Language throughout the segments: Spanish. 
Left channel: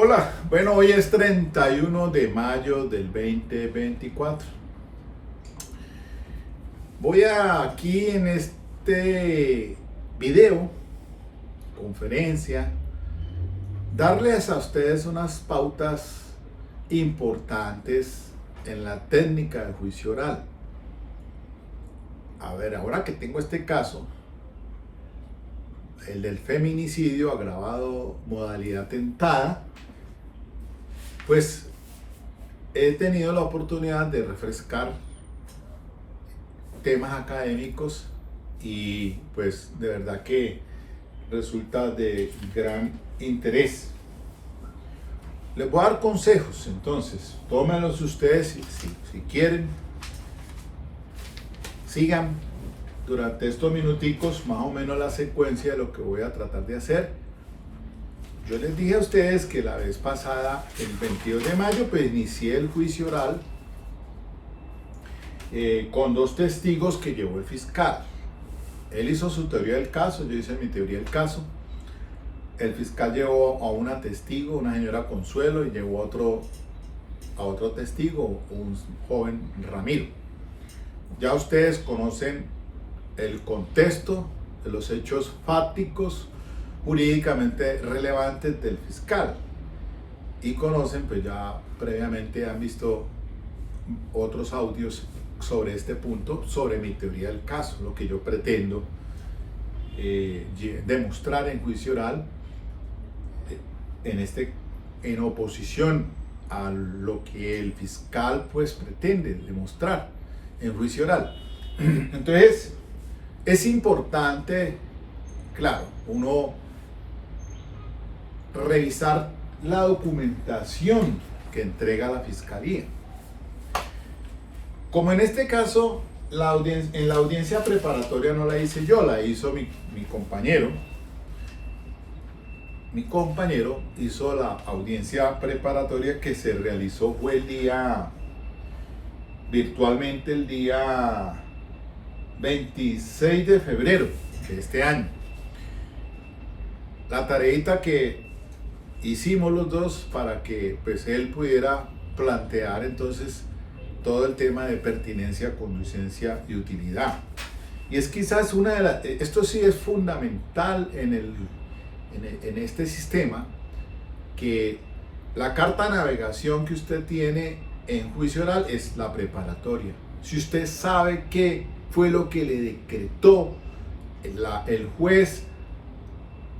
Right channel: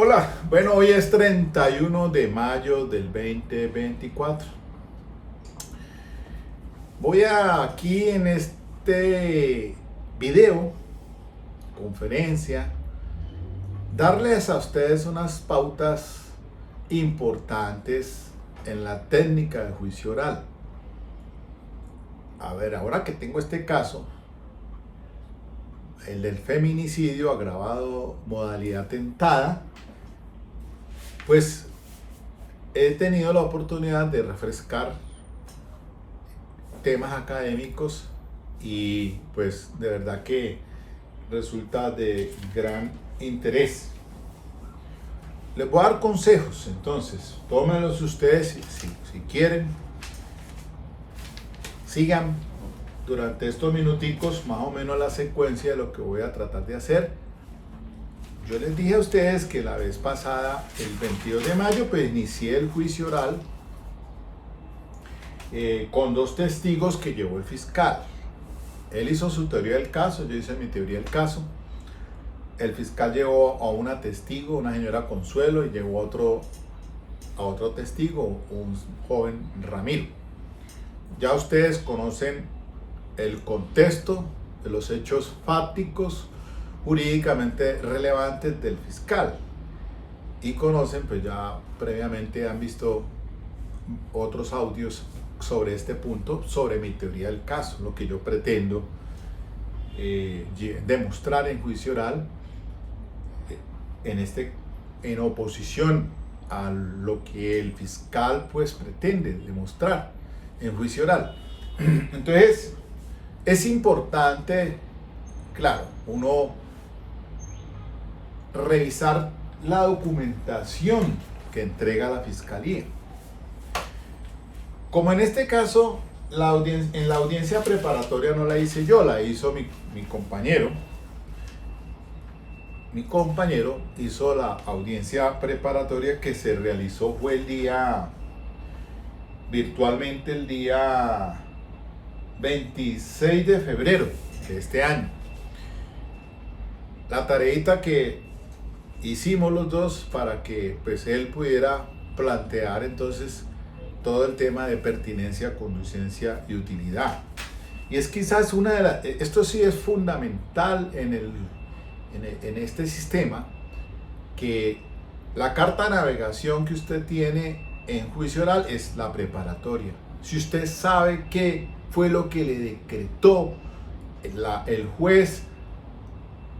Hola, bueno, hoy es 31 de mayo del 2024. Voy a aquí en este video, conferencia, darles a ustedes unas pautas importantes en la técnica de juicio oral. A ver, ahora que tengo este caso, el del feminicidio agravado modalidad tentada, pues he tenido la oportunidad de refrescar temas académicos y pues de verdad que resulta de gran interés. Les voy a dar consejos, entonces tómenlos ustedes si quieren. Sigan durante estos minuticos más o menos la secuencia de lo que voy a tratar de hacer. Yo les dije a ustedes que la vez pasada, el 22 de mayo, pues inicié el juicio oral con dos testigos que llevó el fiscal. Él hizo su teoría del caso, yo hice mi teoría del caso. El fiscal llevó a una testigo, una señora Consuelo, y llevó a otro testigo, un joven Ramiro. Ya ustedes conocen el contexto de los hechos fácticos jurídicamente relevantes del fiscal y conocen, pues ya previamente han visto otros audios sobre este punto, sobre mi teoría del caso, lo que yo pretendo demostrar en juicio oral, en oposición a lo que el fiscal pues pretende demostrar en juicio oral. Entonces es importante, claro, uno revisar la documentación que entrega la fiscalía. Como en este caso, en la audiencia preparatoria no la hice yo, la hizo mi compañero. Mi compañero hizo la audiencia preparatoria que se realizó, fue virtualmente el día 26 de febrero de este año. La tareita que hicimos los dos para que pues él pudiera plantear entonces todo el tema de pertinencia, conducencia y utilidad. Y es quizás esto sí es fundamental en este sistema, que la carta de navegación que usted tiene en juicio oral es la preparatoria. Si usted sabe qué fue lo que le decretó el juez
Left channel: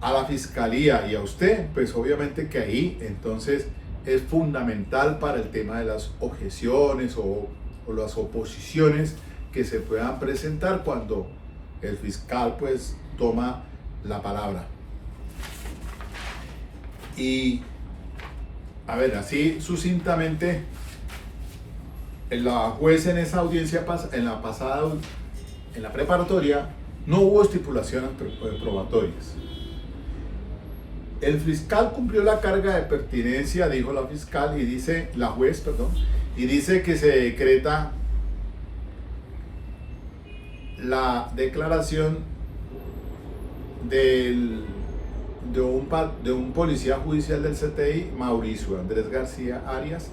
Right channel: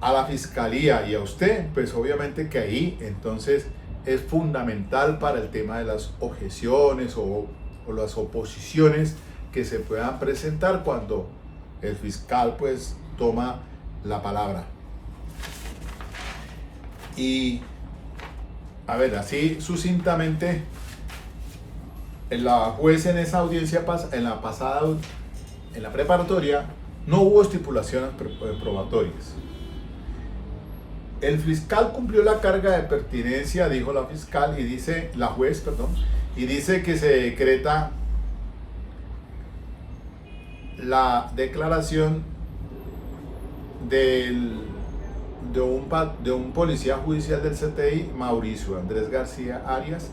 a la fiscalía y a usted, pues obviamente que ahí entonces es fundamental para el tema de las objeciones o las oposiciones que se puedan presentar cuando el fiscal pues toma la palabra. Y a ver, así sucintamente, la juez en esa audiencia, en la preparatoria, no hubo estipulaciones probatorias. El fiscal cumplió la carga de pertinencia, dijo la fiscal, la juez, y dice que se decreta la declaración de un policía judicial del CTI, Mauricio Andrés García Arias,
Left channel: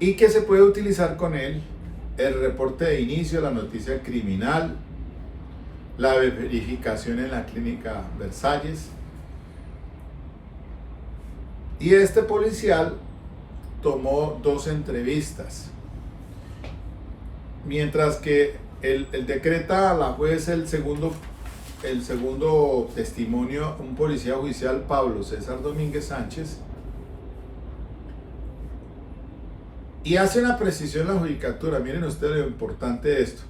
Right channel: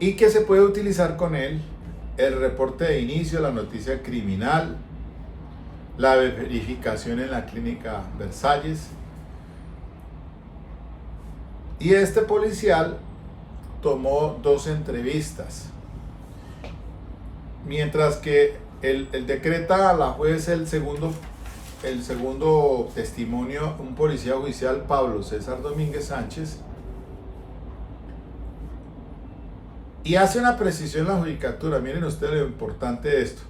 y que se puede utilizar con él el reporte de inicio, la noticia criminal, la verificación en la clínica Versalles. Y este policial tomó 2 entrevistas, mientras que el decreta a la juez el segundo testimonio, un policía judicial, Pablo César Domínguez Sánchez, y hace una precisión en la judicatura. Miren ustedes lo importante de esto.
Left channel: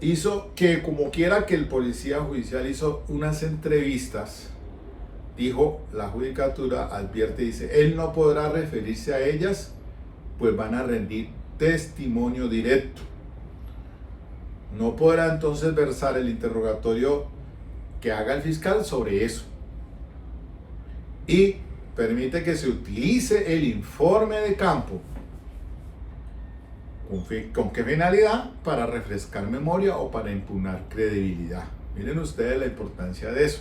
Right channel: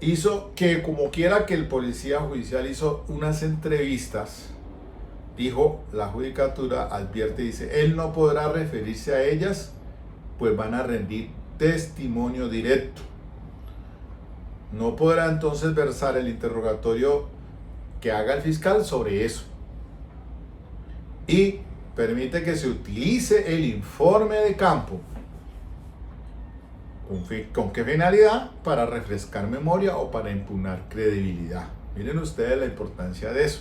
Hizo que, como quiera que el policía judicial hizo unas entrevistas, dijo la judicatura, advierte, dice, él no podrá referirse a ellas, pues van a rendir testimonio directo. No podrá entonces versar el interrogatorio que haga el fiscal sobre eso. Y permite que se utilice el informe de campo. ¿Con qué finalidad? Para refrescar memoria o para impugnar credibilidad. Miren ustedes la importancia de eso.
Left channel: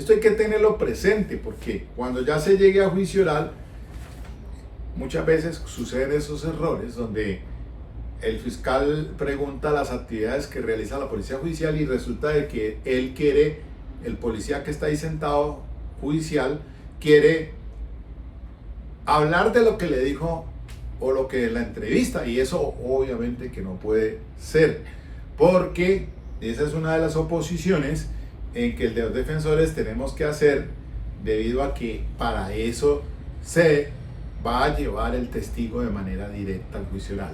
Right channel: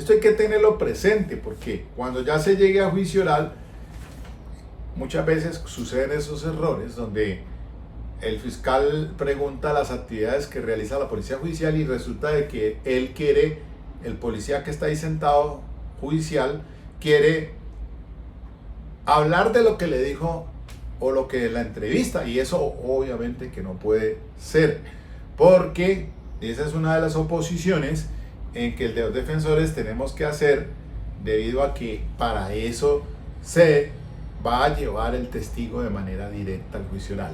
Esto hay que tenerlo presente porque cuando ya se llegue a juicio oral, muchas veces suceden esos errores donde el fiscal pregunta las actividades que realiza la policía judicial y resulta de que él quiere, el policía que está ahí sentado judicial, quiere hablar de lo que le dijo o lo que en la entrevista, y eso obviamente que no puede ser, porque esa es una de las oposiciones en que los defensores tenemos que hacer, debido a que para eso se va a llevar el testigo de manera directa al juicio oral.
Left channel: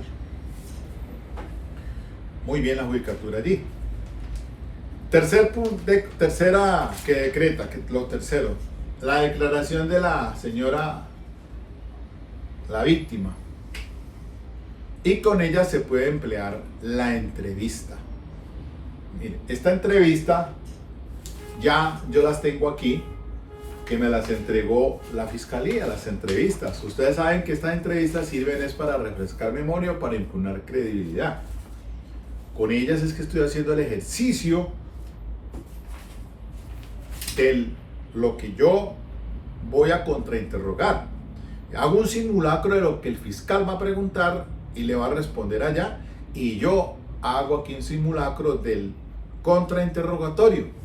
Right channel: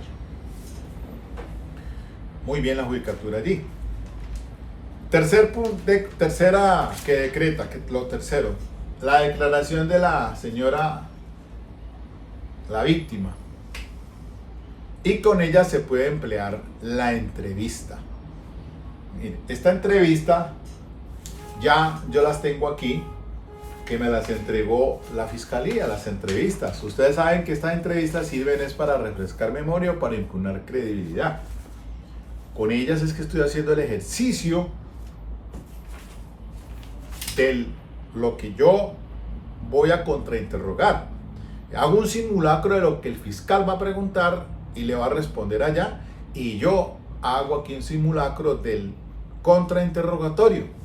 Muy bien la judicatura allí. Tercera que decreta, lo tercero, la declaración de la señora, la víctima. Y con ella se puede emplear la entrevista. Miren, esta entrevista ya yo las tengo aquí, que me las entregó la fiscalía, las entrevistas. Ustedes saben que estas entrevistas sirven es para refrescar memoria o para impugnar credibilidad. Con ellas es que estoy haciendo el ejercicio de lo que yo voy a contrainterrogar. Hago un simulacro de lo que el fiscal va a preguntar y le va a responder allá, y yo hago aquí un simulacro del contrainterrogatorio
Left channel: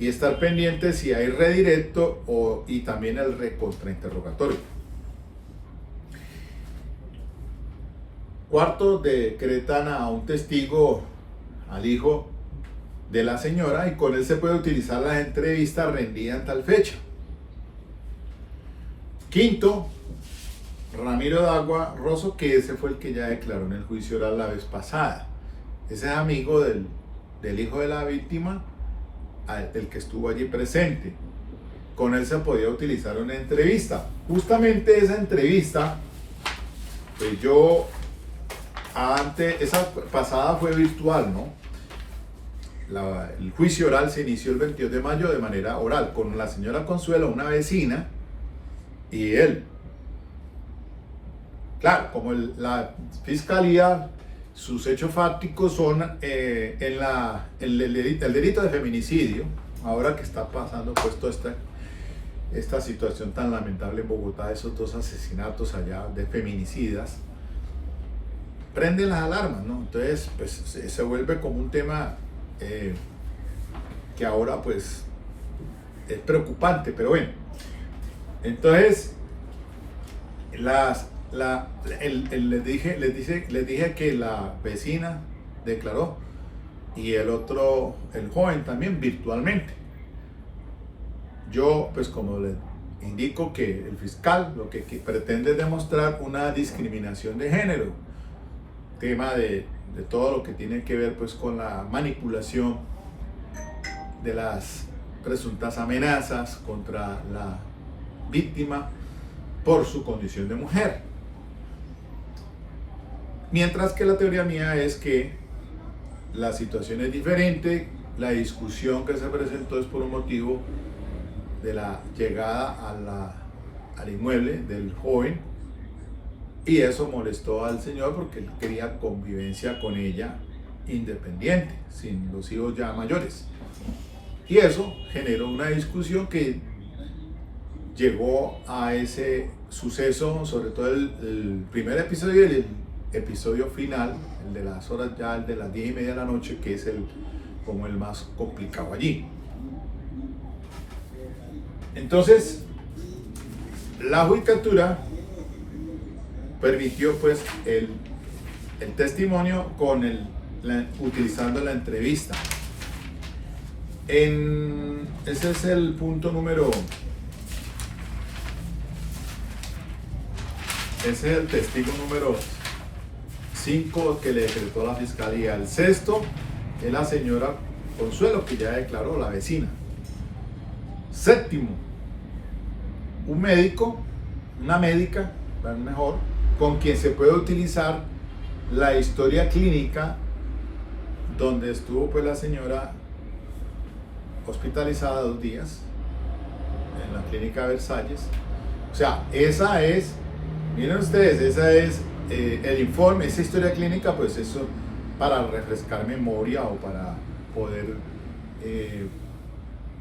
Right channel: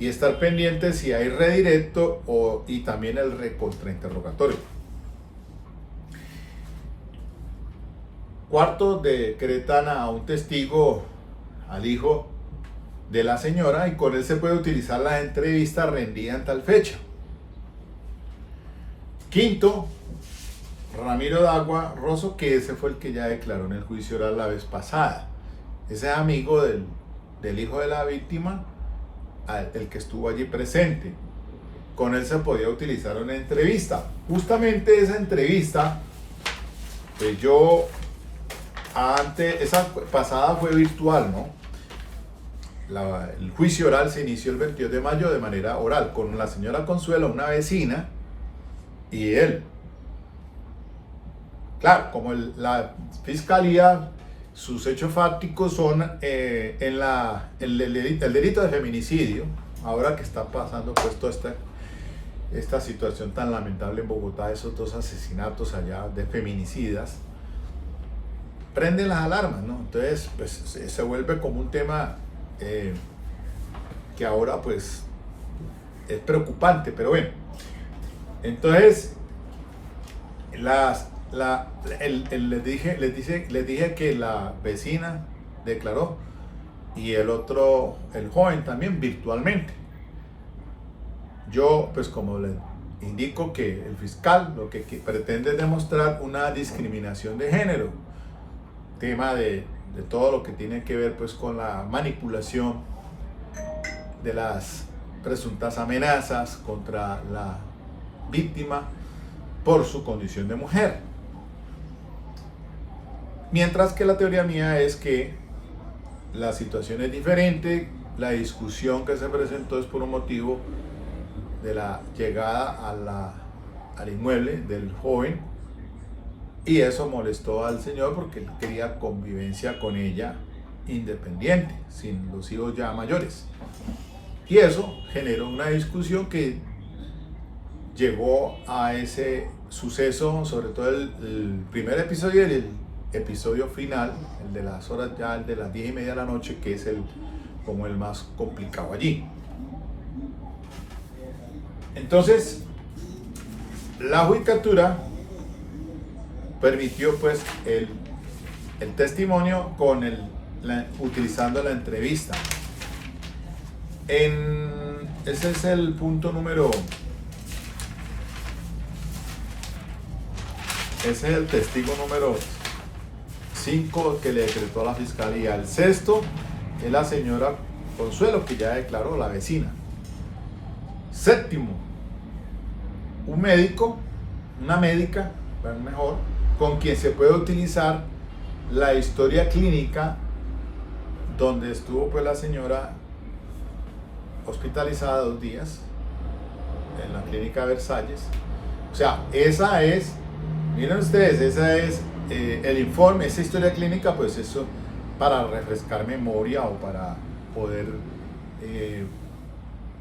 y estar pendiente si hay redirecto y también el recontrainterrogatorio. Cuarto, decretan a un testigo, al hijo de la señora, y con él se puede utilizar la entrevista rendida en tal fecha. Quinto, Ramiro Dagua Rosso, que ese fue el que ya declaró en el juicio oral la vez pasada. Ese es amigo del hijo de la víctima, el que estuvo allí presente. Con él se podía utilizar una entrevista. Justamente esa entrevista, pues esa pasada fue virtual, ¿no? El juicio oral se inició el 22 de mayo de manera oral, con la señora Consuelo, una vecina, y él. Claro, como la fiscalía, sus hechos fácticos son el delito de feminicidio, ahora que está pasando pues toda esta situación tan lamentable en Bogotá, esos dos asesinatos allá de feminicidas, prenden las alarmas, ¿no? Entonces, pues se vuelve como un tema que ahora pues es preocupante, pero bueno. Entonces, les dije que la vecina declaró y el joven también virtualmente. Yo, pues como les indico, que el fiscal lo que pretende es demostrar una discriminación de género, tema de todo lo que tiene que ver pues con la manipulación de las presuntas amenazas contra la víctima por su condición de mujer. Mientras que la teoría mía es que la situación es diferente, la discusión que se presentó es por un motivo de la llegada al inmueble del joven, y eso molestó al señor porque él quería convivencia con ella independiente, sin los hijos ya mayores. Y eso generó una discusión que llegó a ese suceso, sobre todo el primer episodio y el episodio final, el de las horas ya, el de las 10:30 de la noche, que es como el más complicado allí. Entonces, la judicatura permitió pues el testimonio utilizando la entrevista. Ese es el punto ese es el testigo número 5 que le decretó a la fiscalía. El sexto es la señora Consuelo, que ya declaró, la vecina. Séptimo, un médico, una médica, mejor, con quien se puede utilizar la historia clínica donde estuvo pues la señora hospitalizada 2 días en la clínica Versalles. O sea, esa es, miren ustedes, esa es el informe, esa historia clínica, pues eso para refrescar memoria o para poder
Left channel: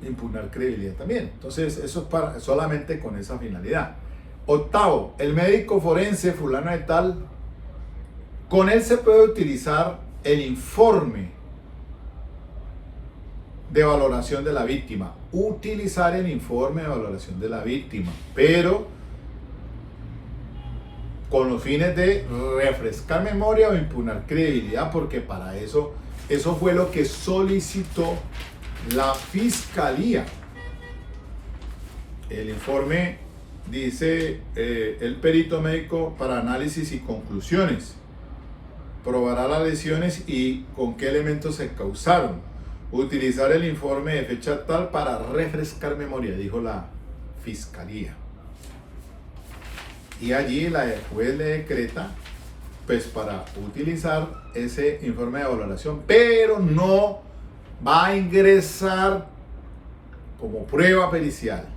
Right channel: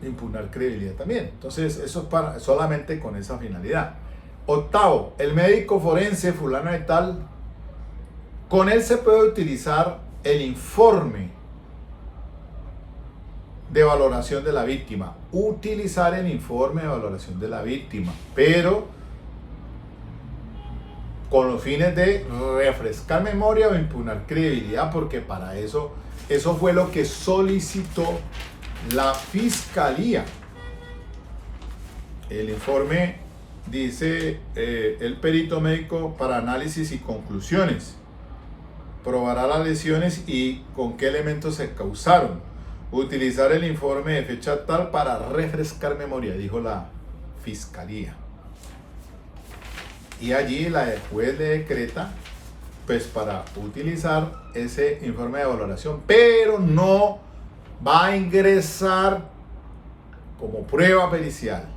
impugnar credibilidad también. Entonces, eso es para, solamente con esa finalidad. Octavo, el médico forense fulano de tal, con él se puede utilizar el informe de valoración de la víctima. Utilizar el informe de valoración de la víctima, pero con los fines de refrescar memoria o impugnar credibilidad, porque para eso fue lo que solicitó la fiscalía. El informe dice, el perito médico para análisis y conclusiones probará las lesiones y con qué elementos se causaron. Utilizar el informe de fecha tal para refrescar memoria, dijo la fiscalía. Y allí la juez le decreta pues para utilizar ese informe de valoración, pero no va a ingresar como prueba pericial.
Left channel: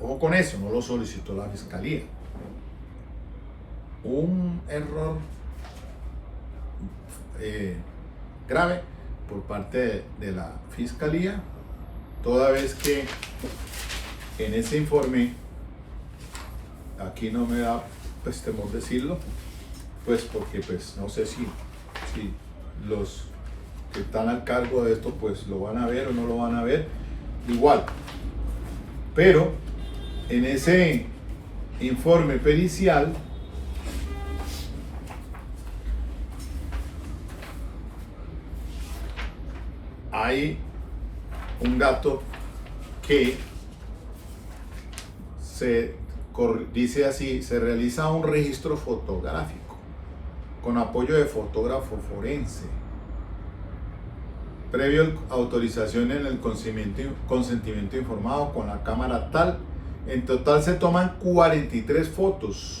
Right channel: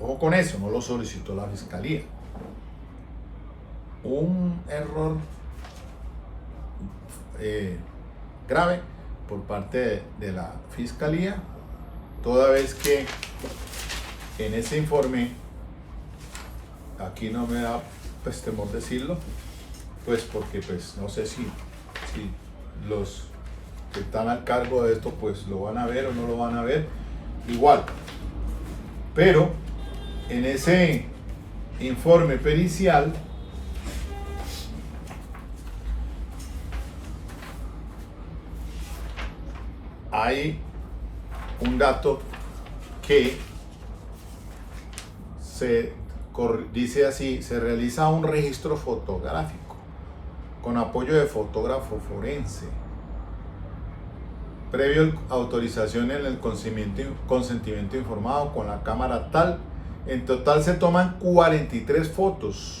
Ojo con eso, no lo solicitó la fiscalía. Un error grave por parte de la fiscalía, toda vez que en ese informe, aquí no me da pues temor decirlo, pues porque pues no sé si los que están al cargo de esto pues lo van a ver o no lo van a ver, igual, pero en ese informe pericial hay un dato que dice así: se realiza un registro fotográfico con apoyo de fotógrafo forense, previo autorización en el consentimiento informado con la cámara tal. En total se toman 43 fotos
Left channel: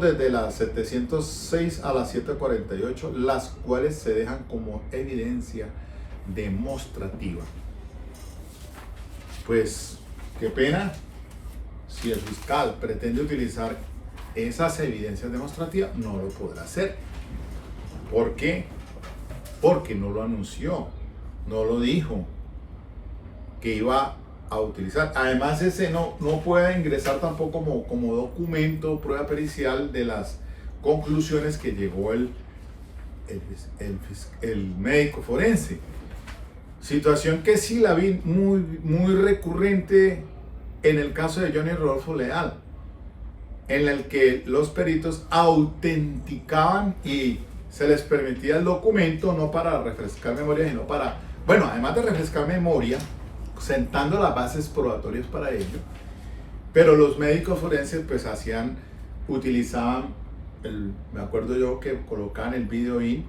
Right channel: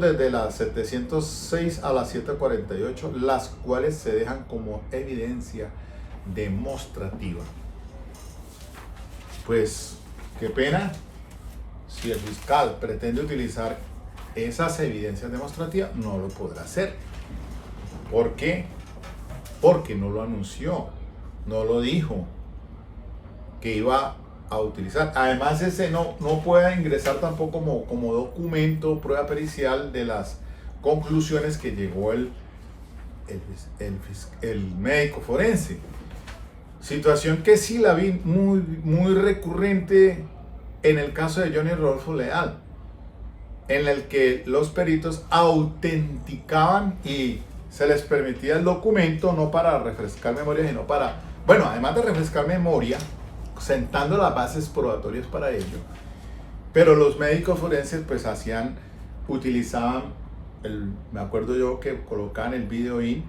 desde las 706 a las 748, las cuales se dejan como evidencia demostrativa. Pues qué pena si el fiscal pretende utilizar esas evidencias demostrativas, no lo podrá hacer. ¿Por qué? Porque no lo anunció, no lo dijo que iba a utilizar. Además, ese no puede ingresar tampoco como documento, prueba pericial de las conclusiones que llegó el médico forense. Situación que sí la vi muy recurrente en el caso de Johnny Rodolfo Leal, en el que los peritos autenticaban y se les permitía el documento no para refrescar memoria, sino para, bueno, además de refrescar memoria, sentando las bases probatorias para ello, pero los médicos forenses pues utilizaban, me acuerdo yo que colocaban el video y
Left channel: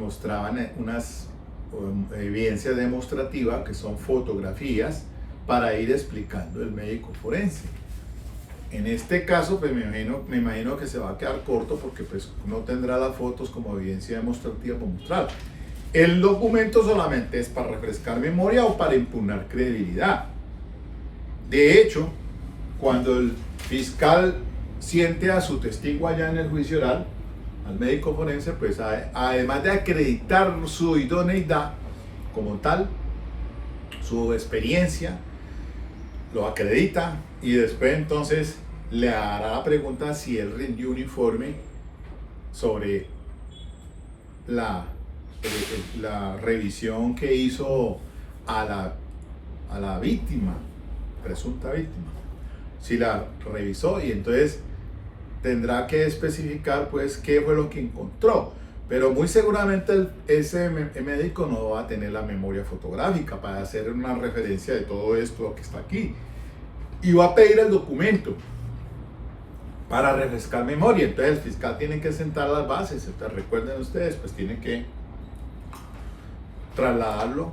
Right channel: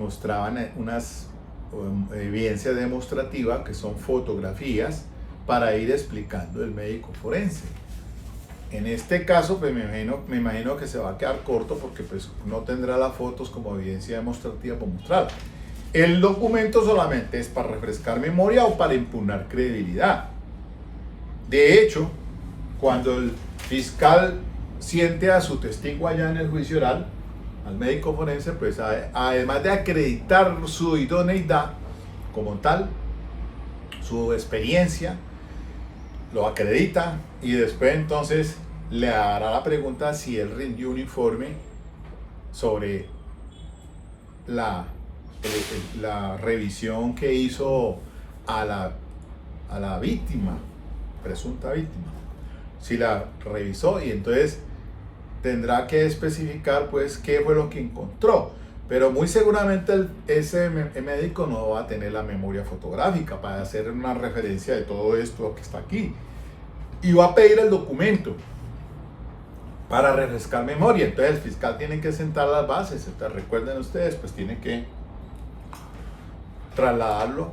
mostraban unas evidencias demostrativas que son fotografías para ir explicando el médico forense. En este caso pues me imagino que se va a quedar corto porque pues no tendrá las fotos como evidencia demostrativa para mostrar. El documento solamente es para refrescar memoria o para impugnar credibilidad. De hecho, cuando el fiscal siente a su testigo allá en el juicio oral, al médico forense, pues además de acreditar su idoneidad como tal, su experiencia, lo acredita y después entonces le hará la pregunta si él rindió un informe sobre la revisión que hizo a la víctima, presunta víctima, si la revisó, y entonces tendrá que especificar pues qué fue lo que encontró, pero muy seguramente ese médico no va a tener la memoria fotográfica para hacer una referencia de todo esto que está aquí, y va a pedir el documento para refrescar memoria. Entonces el fiscal tiene que sentar las bases. Recuerden ustedes, pues tiene que trasladarlo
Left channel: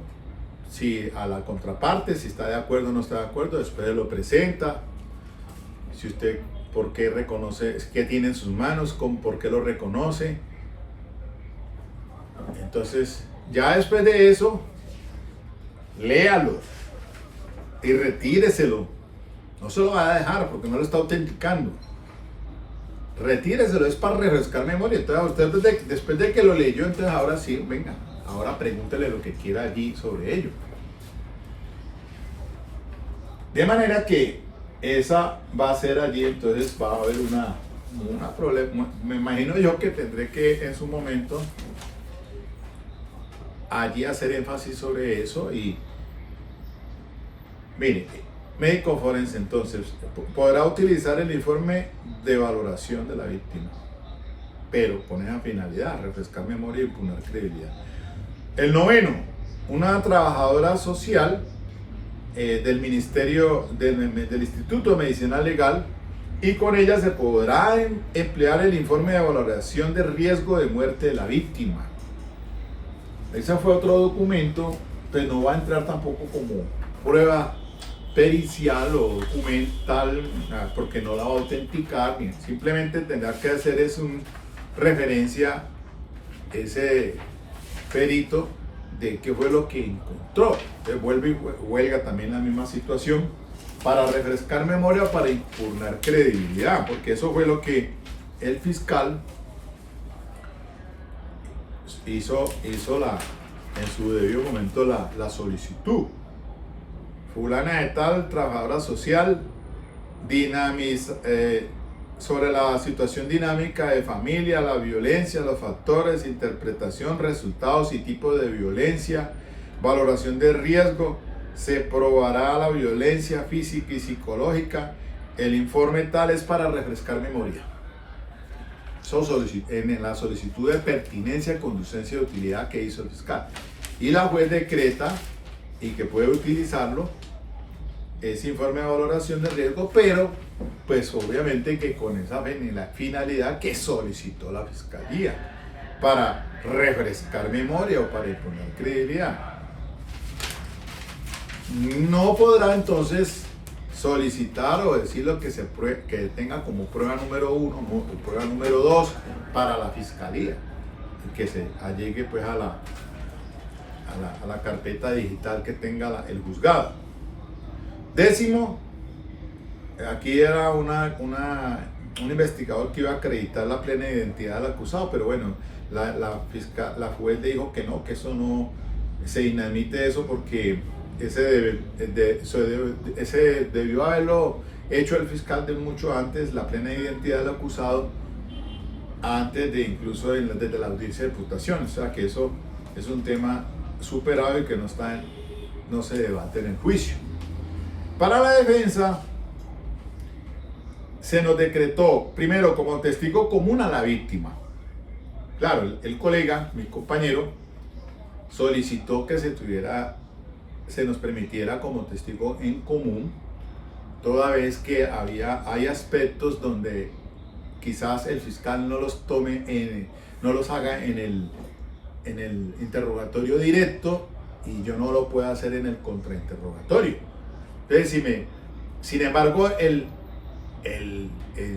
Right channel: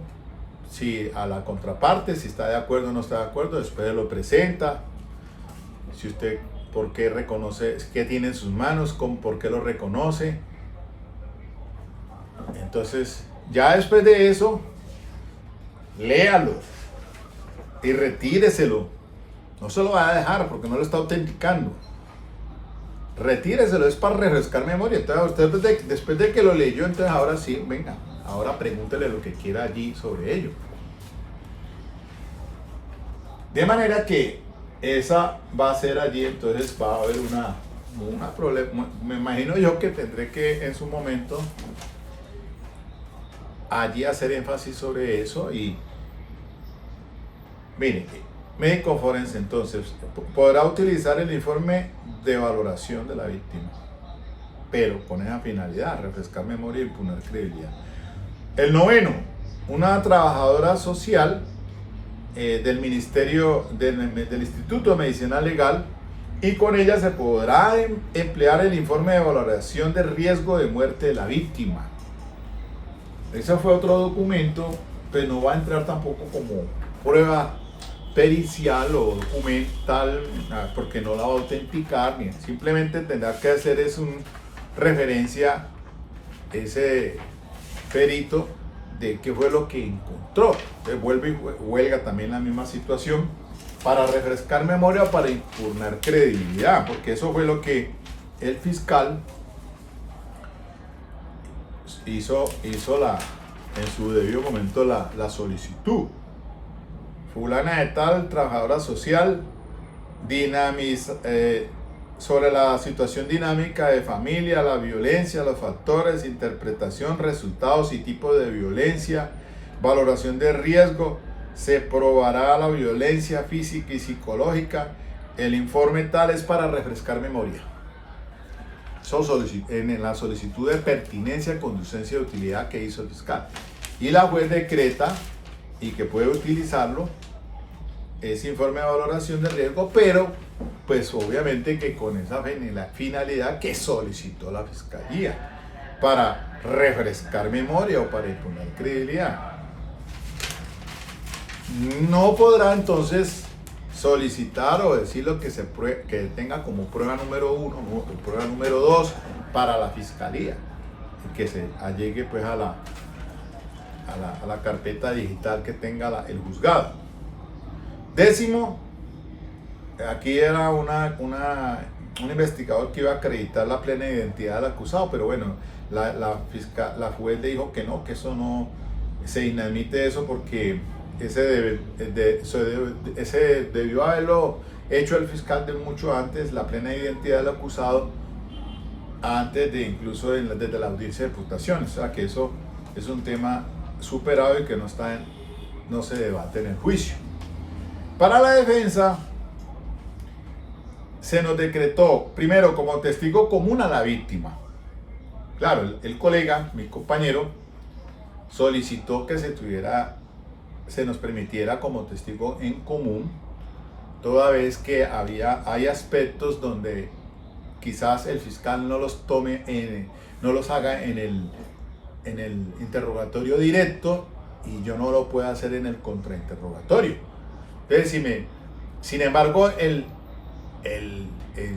a la contraparte, si está de acuerdo o no está de acuerdo, después lo presenta, si usted por qué reconoce, qué tiene en sus manos, por qué lo reconoce. Entonces ya después de eso, léalo y retíreselo, no se lo va a dejar porque no lo está autenticando. Retíreselo, es para refrescar memoria. Entonces usted después de que lo leyó, entonces ahora sí, venga, ahora pregúntele lo que quiera allí sobre ello. De manera que esa va a ser allí, entonces va a haber una problema. Me imagino yo que tendré que en su momento allí hacer énfasis sobre eso y mire, médico forense entonces podrá utilizar el informe de valoración de la víctima, pero con esa finalidad, refrescar memoria y imponer credibilidad. El noveno, una trabajadora social del Ministerio del Instituto de Medicina Legal, y con ella se podrá emplear el informe de valoración de riesgo de muerte de la víctima. Ese fue otro documento, pues no va a entrar tampoco como prueba pericial o documental, porque no la va a autenticar, simplemente tendrá que hacer es un referencia ese perito de qué fue lo que encontró. Entonces vuelve y huelga también la misma situación para refrescar memoria, para impugnar credibilidad, porque eso fue lo que el fiscal hizo en su debido momento la solicitud. Fulana de tal, trabajadora social, sobre la situación dinámica de familia, la violencia, los factores, interpretación, resultados y tipos de violencia, valoración de riesgo, se probará la violencia física y psicológica. El informe tal es para refrescar memoria. En la solicitud de pertinencia, conducencia y utilidad que hizo el fiscal. Y la juez decreta y que puede utilizarlo ese informe de valoración de riesgo, pero pues obviamente que con esa finalidad que solicitó la fiscalía para refrescar memoria o para imponer credibilidad. No podrá entonces solicitar o decir lo que que tenga como prueba número 1 o prueba número 2 para la fiscalía, que se allegue pues a la carpeta digital que tenga el juzgado. Décimo, aquí era un investigador que iba a acreditar la plena identidad del acusado, pero bueno, la juez le dijo que no, que eso no se dinamite eso, porque ese debió haberlo hecho el fiscal de mucho antes, la plena identidad del acusado, antes de incluso desde la audiencia de imputación. O sea que eso es un tema superado y que no se debate en el juicio. Para la defensa se nos decretó primero como testigo común a la víctima. Claro, el colega, mi compañero, solicitó que se nos permitiera como testigo en común, toda vez que hay aspectos donde quizás el fiscal no los haga en el interrogatorio directo y yo no lo pueda hacer en el contrainterrogatorio. Entonces, sin embargo,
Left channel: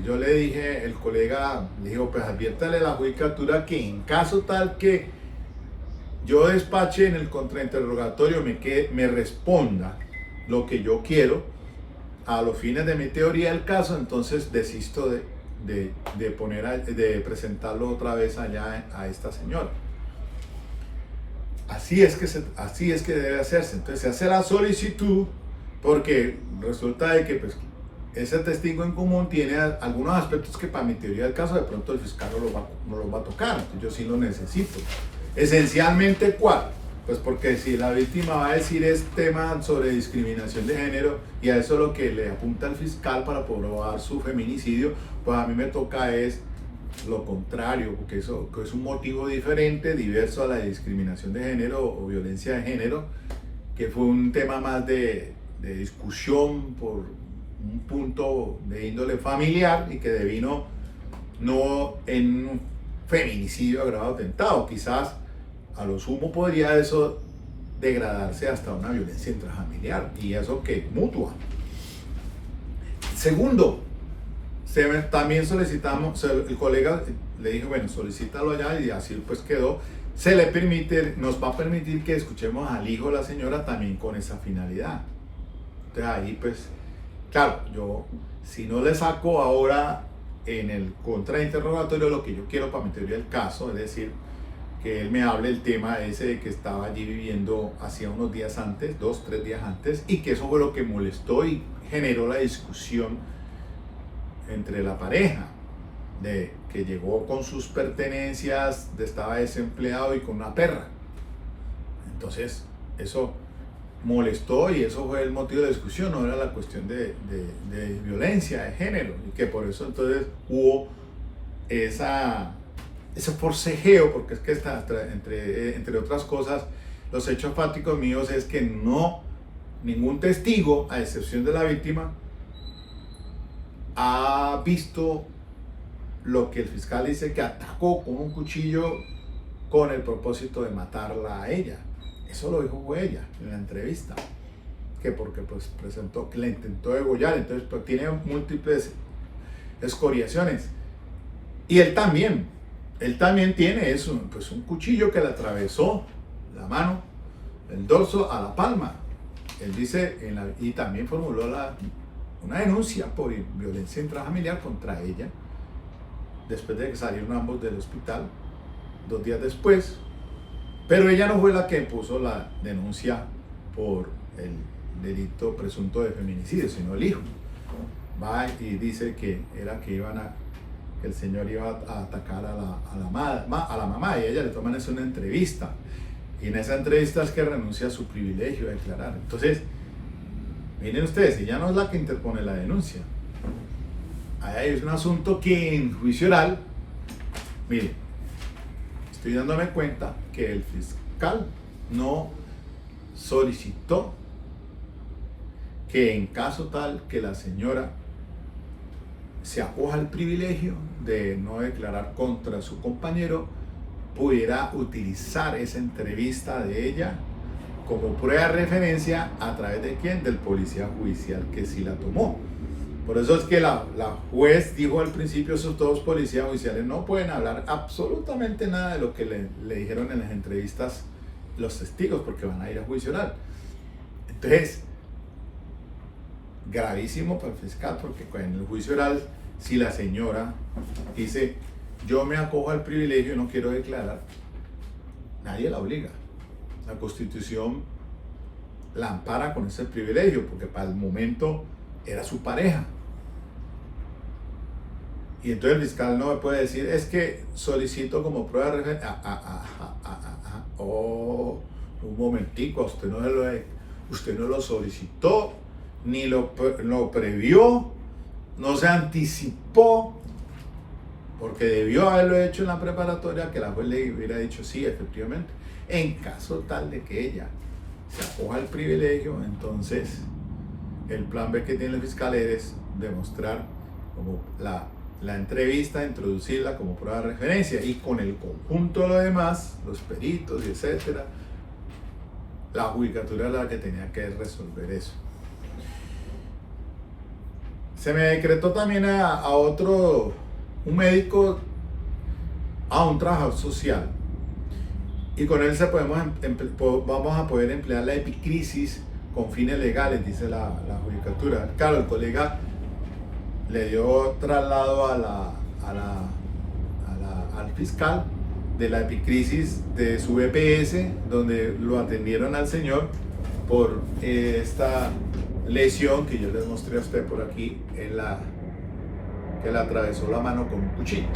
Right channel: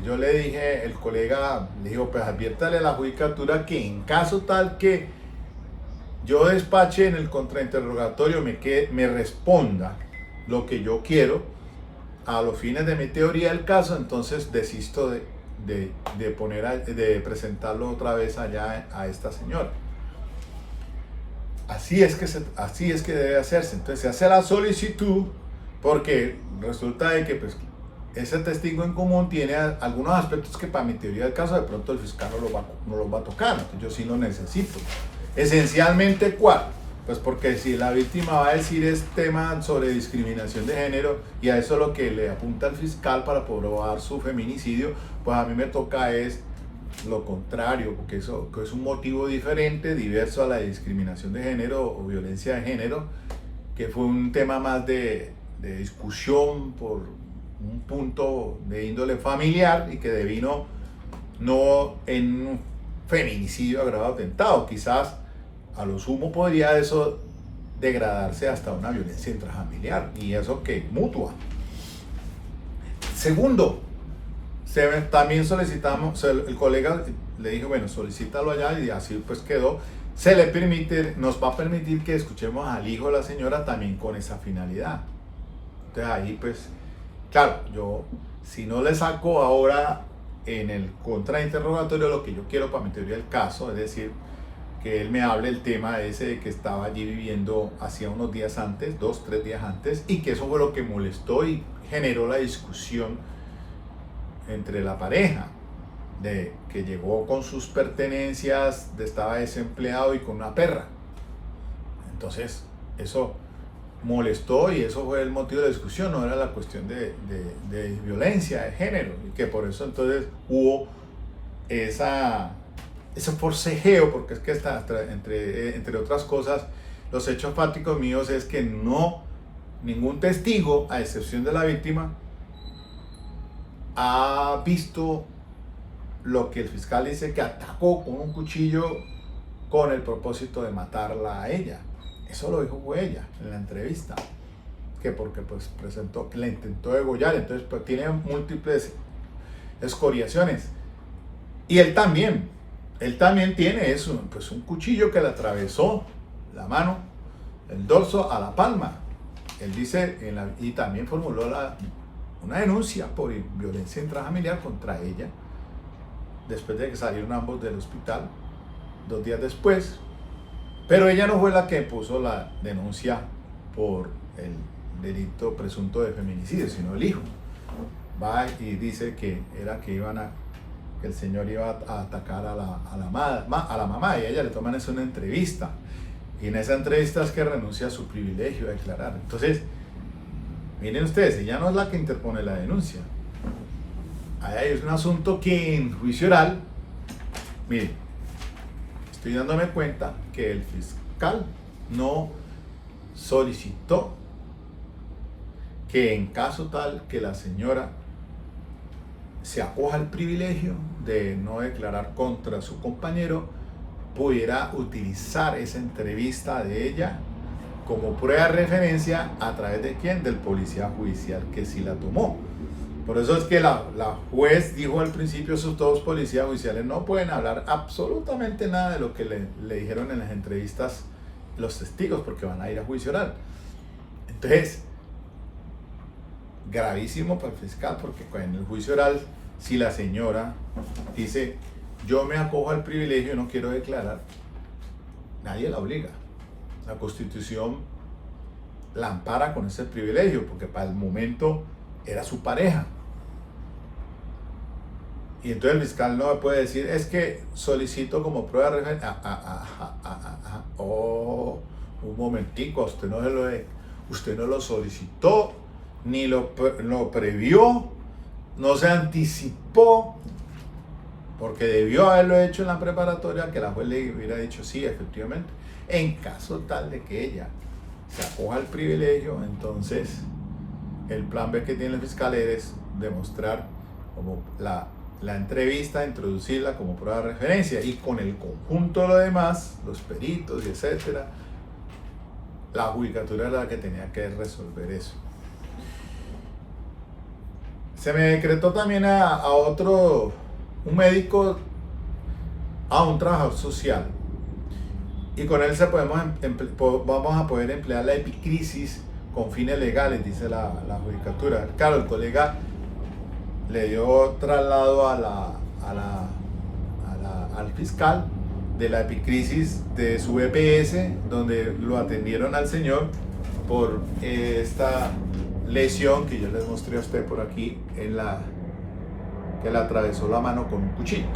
yo le dije, el colega le dijo, pues adviértale a la judicatura que en caso tal que yo despache en el contrainterrogatorio, me responda lo que yo quiero a los fines de mi teoría del caso, entonces desisto de presentarlo otra vez allá a esta señora. Así es que debe hacerse. Entonces se hace la solicitud, porque resulta de que pues, ese testigo en común tiene algunos aspectos que para mi teoría del caso de pronto el fiscal no los va a tocar. Yo sí lo necesito. Esencialmente, ¿cuál? Pues porque si la víctima va a decir es tema sobre discriminación de género y a eso lo que le apunta el fiscal para probar su feminicidio, pues a mí me toca es lo contrario, porque eso es un motivo diferente, diverso a la discriminación de género o violencia de género, que fue un tema más de discusión por un punto de índole familiar y que devino no en un feminicidio agravado atentado. Quizás a lo sumo podría eso degradarse hasta una violencia intrafamiliar, y eso que mutua. Segundo, también solicitamos, el colega le dijo, bueno, solicítalo allá, y así pues quedó. Nos va a permitir que escuchemos al hijo de la señora también con esa finalidad. Entonces ahí pues, claro, yo si no le saco ahora en el contrainterrogatorio lo que yo quiero para mi teoría del caso, es decir, que él me hable el tema ese de que estaba allí viviendo hacía unos días antes, 2, 3 días antes, y que eso fue lo que molestó y generó la discusión entre la pareja, de que llegó con sus pertenencias, estaba desempleado y con una perra. Entonces, eso molestó y eso fue el motivo de discusión, no era la cuestión de violencia de género, y que por eso entonces hubo ese forcejeo, porque es que está, entre otras cosas, los hechos fácticos míos es que no, ningún testigo, a excepción de la víctima, ha visto lo que el fiscal dice que atacó con un cuchillo con el propósito de matarla a ella. Eso lo dijo ella en la entrevista, que porque pues presentó que la intentó degollar, entonces pues tiene múltiples escoriaciones. Y él también tiene eso, pues un cuchillo que le atravesó la mano, el dorso a la palma. Él dice, y también formuló una denuncia por violencia intrafamiliar contra ella, después de que salieron ambos del hospital, 2 días después. Pero ella no fue la que puso la denuncia por el delito presunto de feminicidio, sino el hijo. Va y dice que el señor iba a atacar a la mamá, y a ella le toman eso en una entrevista. Y en esa entrevista es que renuncia a su privilegio de declarar. Entonces, miren ustedes, ella no es la que interpone la denuncia. Ahí es un asunto que en juicio oral, miren, estoy dándome cuenta que el fiscal no solicitó que en caso tal que la señora se acoja al privilegio de no declarar contra su compañero, pudiera utilizar esa entrevista de ella como prueba de referencia. ¿A través de quién? Del policía judicial que sí la tomó. Por eso es que la juez dijo al principio, esos todos policías judiciales no pueden hablar absolutamente nada de lo que le dijeron en las entrevistas los testigos, porque van a ir a juicio oral. Entonces, gravísimo para el fiscal, porque en el juicio oral, si la señora dice, yo me acojo al privilegio, no quiero declarar, nadie la obliga. La Constitución la ampara con ese privilegio, porque para el momento era su pareja. Y entonces el fiscal no me puede decir, es que solicito como prueba de referencia. Oh, un momentico, usted no lo solicitó, ni lo previó, no se anticipó, porque debió haberlo hecho en la preparatoria, que la juez le hubiera dicho sí, efectivamente. En caso tal de que ella se acoja al privilegio, entonces el plan B que tiene el fiscal es demostrar como la entrevista, introducirla como prueba de referencia, y con el conjunto de lo demás, los peritos y etcétera, la judicatura era la que tenía que resolver eso. Se me decretó también a un médico, a un trabajador social, y con él vamos a poder emplear la epicrisis con fines legales, dice la judicatura. Claro, el colega le dio traslado al fiscal de la epicrisis de su EPS, donde lo atendieron al señor por esta lesión que yo les mostré a usted por aquí, que le atravesó la mano con un cuchillo.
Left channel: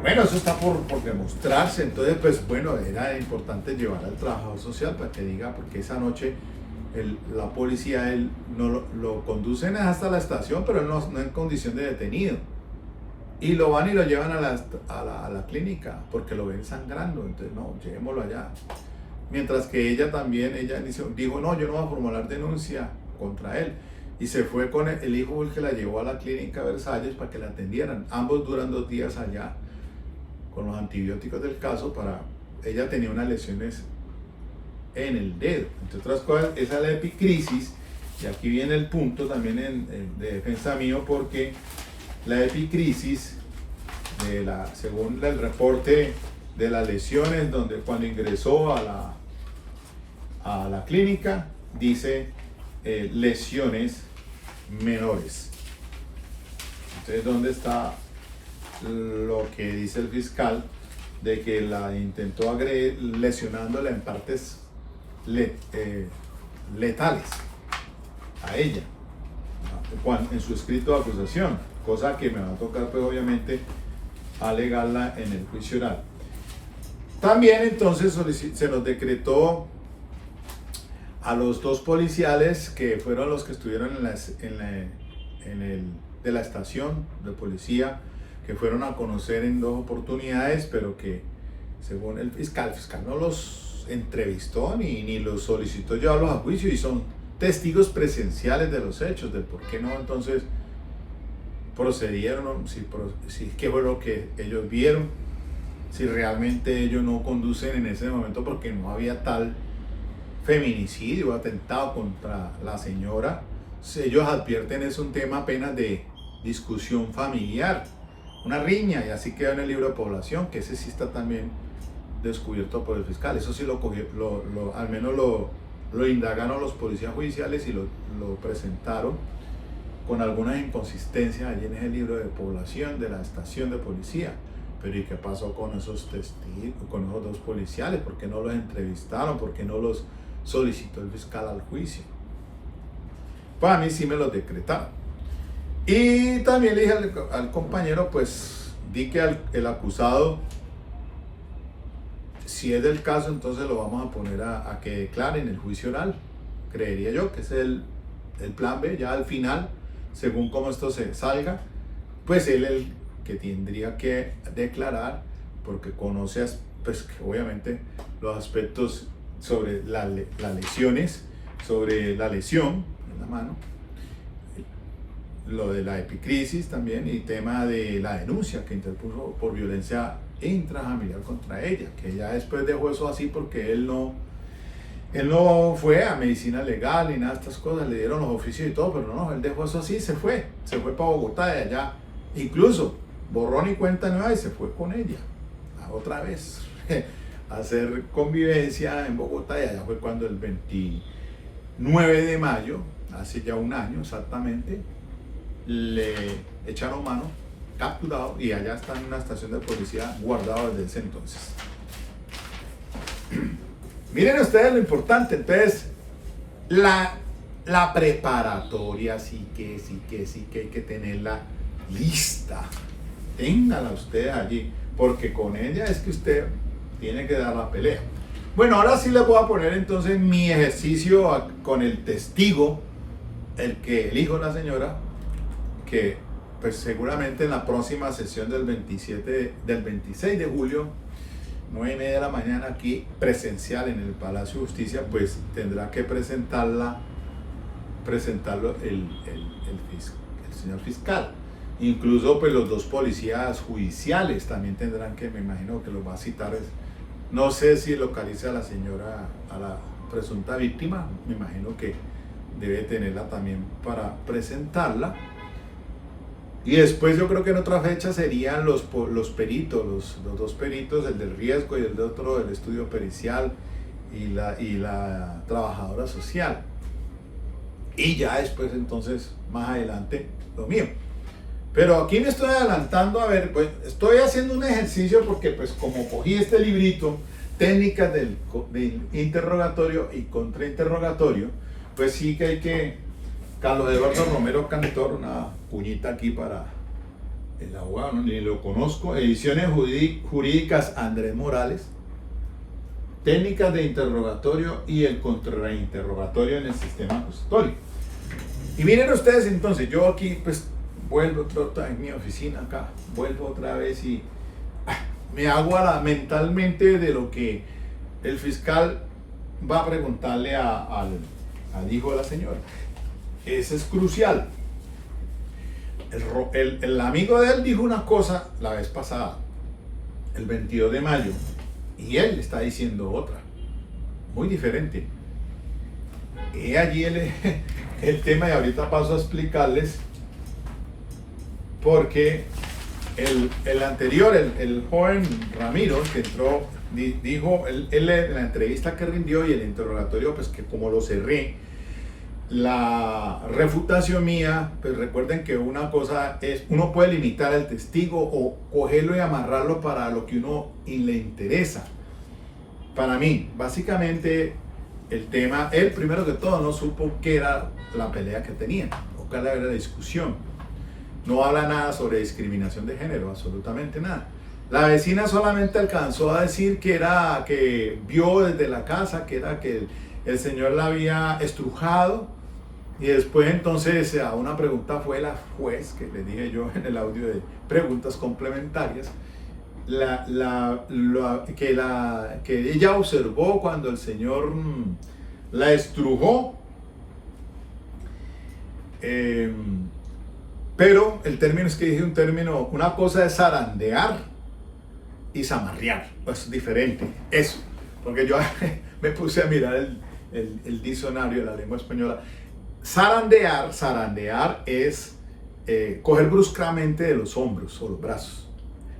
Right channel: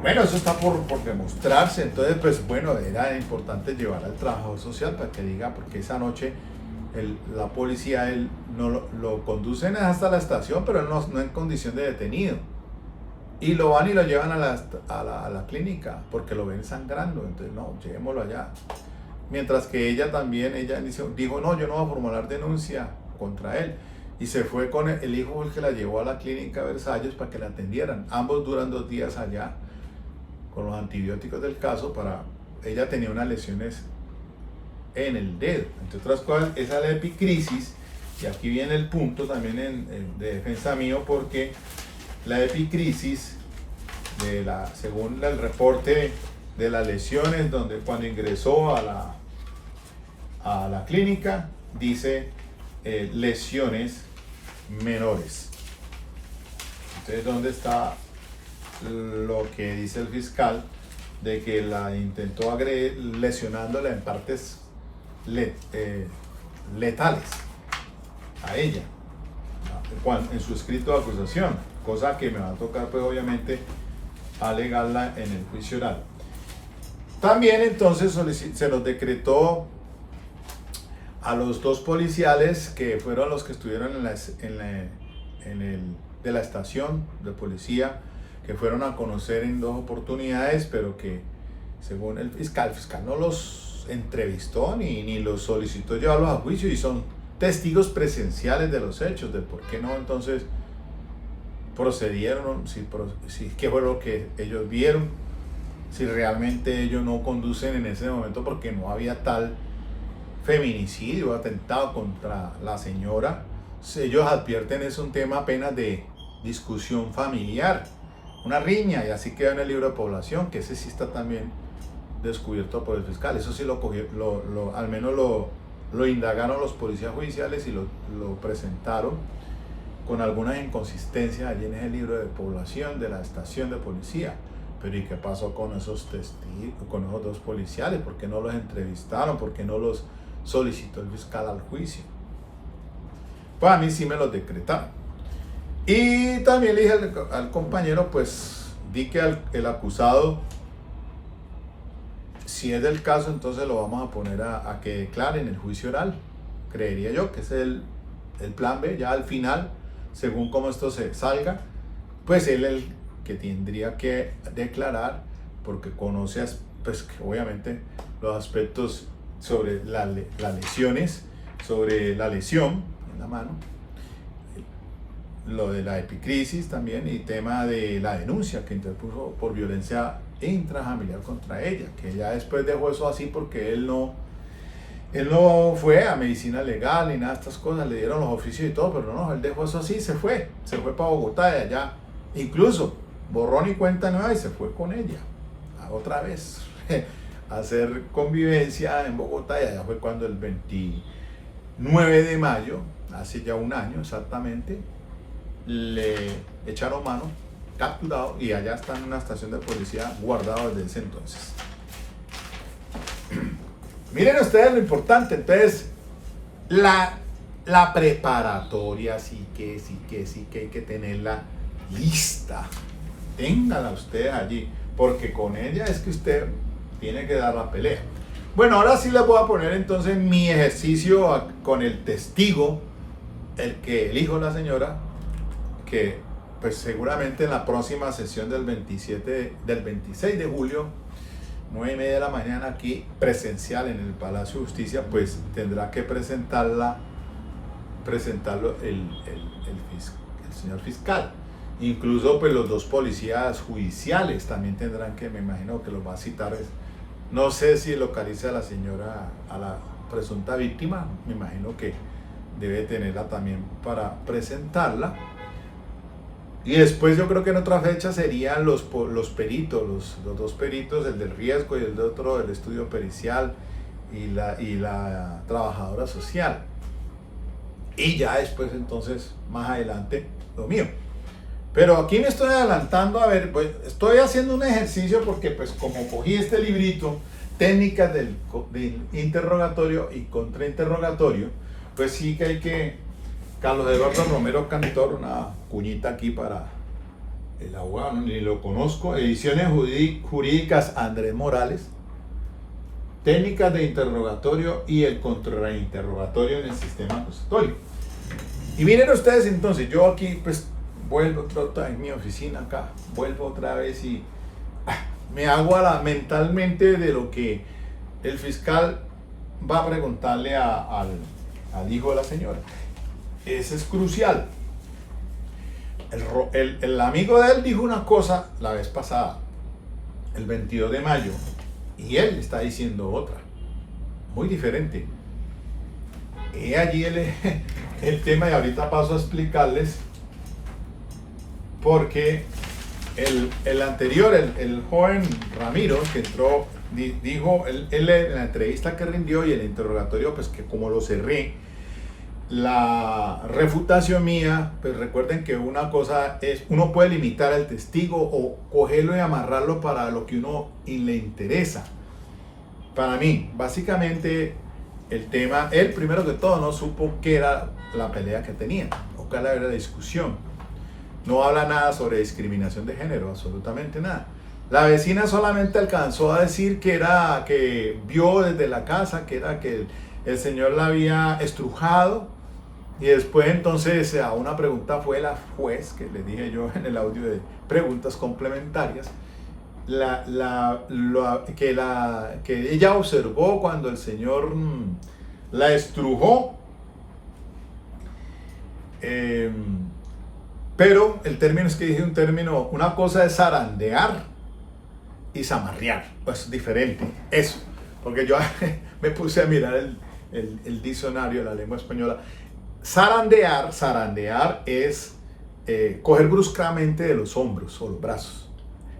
Bueno, eso está por demostrarse. Entonces, pues bueno, era importante llevar al trabajador social para que diga, porque esa noche la policía no lo conducen hasta la estación, pero no en condición de detenido, y lo van y lo llevan a la clínica porque lo ven sangrando. Entonces, no, llevémoslo allá. Mientras que ella dijo, no, yo no voy a formular denuncia contra él, y se fue con el hijo, el que la llevó a la clínica Versalles para que la atendieran. Ambos duran 2 días allá con los antibióticos del caso. Ella tenía unas lesiones en el dedo, entre otras cosas. Esa es la epicrisis, y aquí viene el punto también de defensa mío, porque la epicrisis, según el reporte de las lesiones, cuando ingresó a la clínica, dice lesiones menores. Entonces, ¿dónde está lo que dice el fiscal? de que la intentó agredir lesionándola en partes letales a ella en su escrito de acusación, cosa que me va a tocar pues obviamente alegarla en el juicio oral. También entonces se nos decretó a los dos policiales que fueron los que estuvieron de la estación de policía, que fueron a conocer en 2 oportunidades, pero que según el fiscal no los entrevistó ni los solicitó llevarlos a juicio, y son testigos presenciales de los hechos, de por qué no entonces procedieron, qué fue lo que ellos vieron, si realmente ellos no conducen en ese momento porque no había tal feminicidio, atentado contra la señora. Ellos advierten es un tema apenas de discusión familiar, una riña, y así queda en el libro de población, que ese sí está también descubierto por el fiscal. Eso sí lo cogió, al menos lo indagaron los policías judiciales y lo presentaron con algunas inconsistencias allí en ese libro de población de la estación de policía. Pero ¿y qué pasó con esos testigos, con esos 2 policiales? ¿Por qué no los entrevistaron? ¿Por qué no los solicitó el fiscal al juicio? Pues a mí sí me los decretaron. Y también le dije al compañero, pues di que el acusado, si es del caso, entonces lo vamos a poner a que declare en el juicio oral. Creería yo que ese es el plan B, ya al final, según cómo esto se salga, pues él el que tendría que declarar, porque conoce pues obviamente los aspectos sobre las lesiones, sobre la lesión en la mano, lo de la epicrisis también, y tema de la denuncia que interpuso por violencia intrafamiliar contra ella, que ya después dejó eso así porque él no fue a medicina legal ni nada de estas cosas, le dieron los oficios y todo, pero no, él dejó eso así, se fue para Bogotá, de allá, incluso borrón y cuenta nueva, y se fue con ella otra vez a hacer convivencia en Bogotá, y allá fue cuando el 29 de mayo, hace ya un año exactamente, le echaron mano, capturado, y allá está en una estación de policía guardado desde ese entonces. Miren ustedes lo importante, entonces la preparatoria sí que hay que tenerla lista. Téngala usted allí, porque con ella es que usted tiene que dar la pelea. Bueno, ahora sí les voy a poner entonces mi ejercicio con el testigo, el hijo de la señora, que pues seguramente en la próxima sesión del 26 de julio, 9:30 de la mañana, aquí presencial en el Palacio de Justicia, pues tendrá que presentarlo el señor fiscal. Incluso pues los 2 policías judiciales también tendrán que, me imagino que los va a citar. No sé si localiza a la señora, a la presunta víctima, me imagino que debe tenerla también para presentarla. Y después yo creo que en otra fecha serían los peritos, los 2 peritos, el del riesgo y el de otro del estudio pericial, y la trabajadora social. Y ya después entonces, más adelante, lo mío. Pero aquí me estoy adelantando, a ver, pues estoy haciendo un ejercicio porque pues como cogí este librito, técnicas del interrogatorio y contrainterrogatorio, pues sí que hay que, Carlos Eduardo Romero Cantor, una cuñita aquí para el abogado, ni lo conozco, ediciones jurídicas Andrés Morales, técnicas de interrogatorio y el contrainterrogatorio en el sistema acusatorio. Y miren ustedes entonces, yo aquí pues vuelvo en mi oficina acá, vuelvo otra vez y me hago mentalmente de lo que el fiscal va a preguntarle al hijo de la señora. Eso es crucial. El amigo de él dijo una cosa la vez pasada, el 22 de mayo, y él está diciendo otra, muy diferente. Y allí el tema, y ahorita paso a explicarles, porque el anterior, el joven Ramiro, que entró, dijo, él en la entrevista que rindió y el interrogatorio, pues que como lo cerré, la refutación mía, pues recuerden que una cosa es, uno puede limitar al testigo o cogerlo y amarrarlo para lo que uno le interesa. Para mí, básicamente, el tema, él primero que todo no supo qué era la pelea que tenían, o qué era la discusión. No habla nada sobre discriminación de género, absolutamente nada. La vecina solamente alcanzó a decir que era, que vio desde la casa, que era que el señor la había estrujado. Y después entonces a una pregunta fue la juez, que le dije yo en el audio de preguntas complementarias, que ella observó cuando el señor la estrujó, pero el término es que dije un término, una cosa es zarandear y zamarrear, pues diferente, eso, porque yo me puse a mirar el diccionario de la lengua española. Zarandear es coger bruscamente de los hombros o los brazos.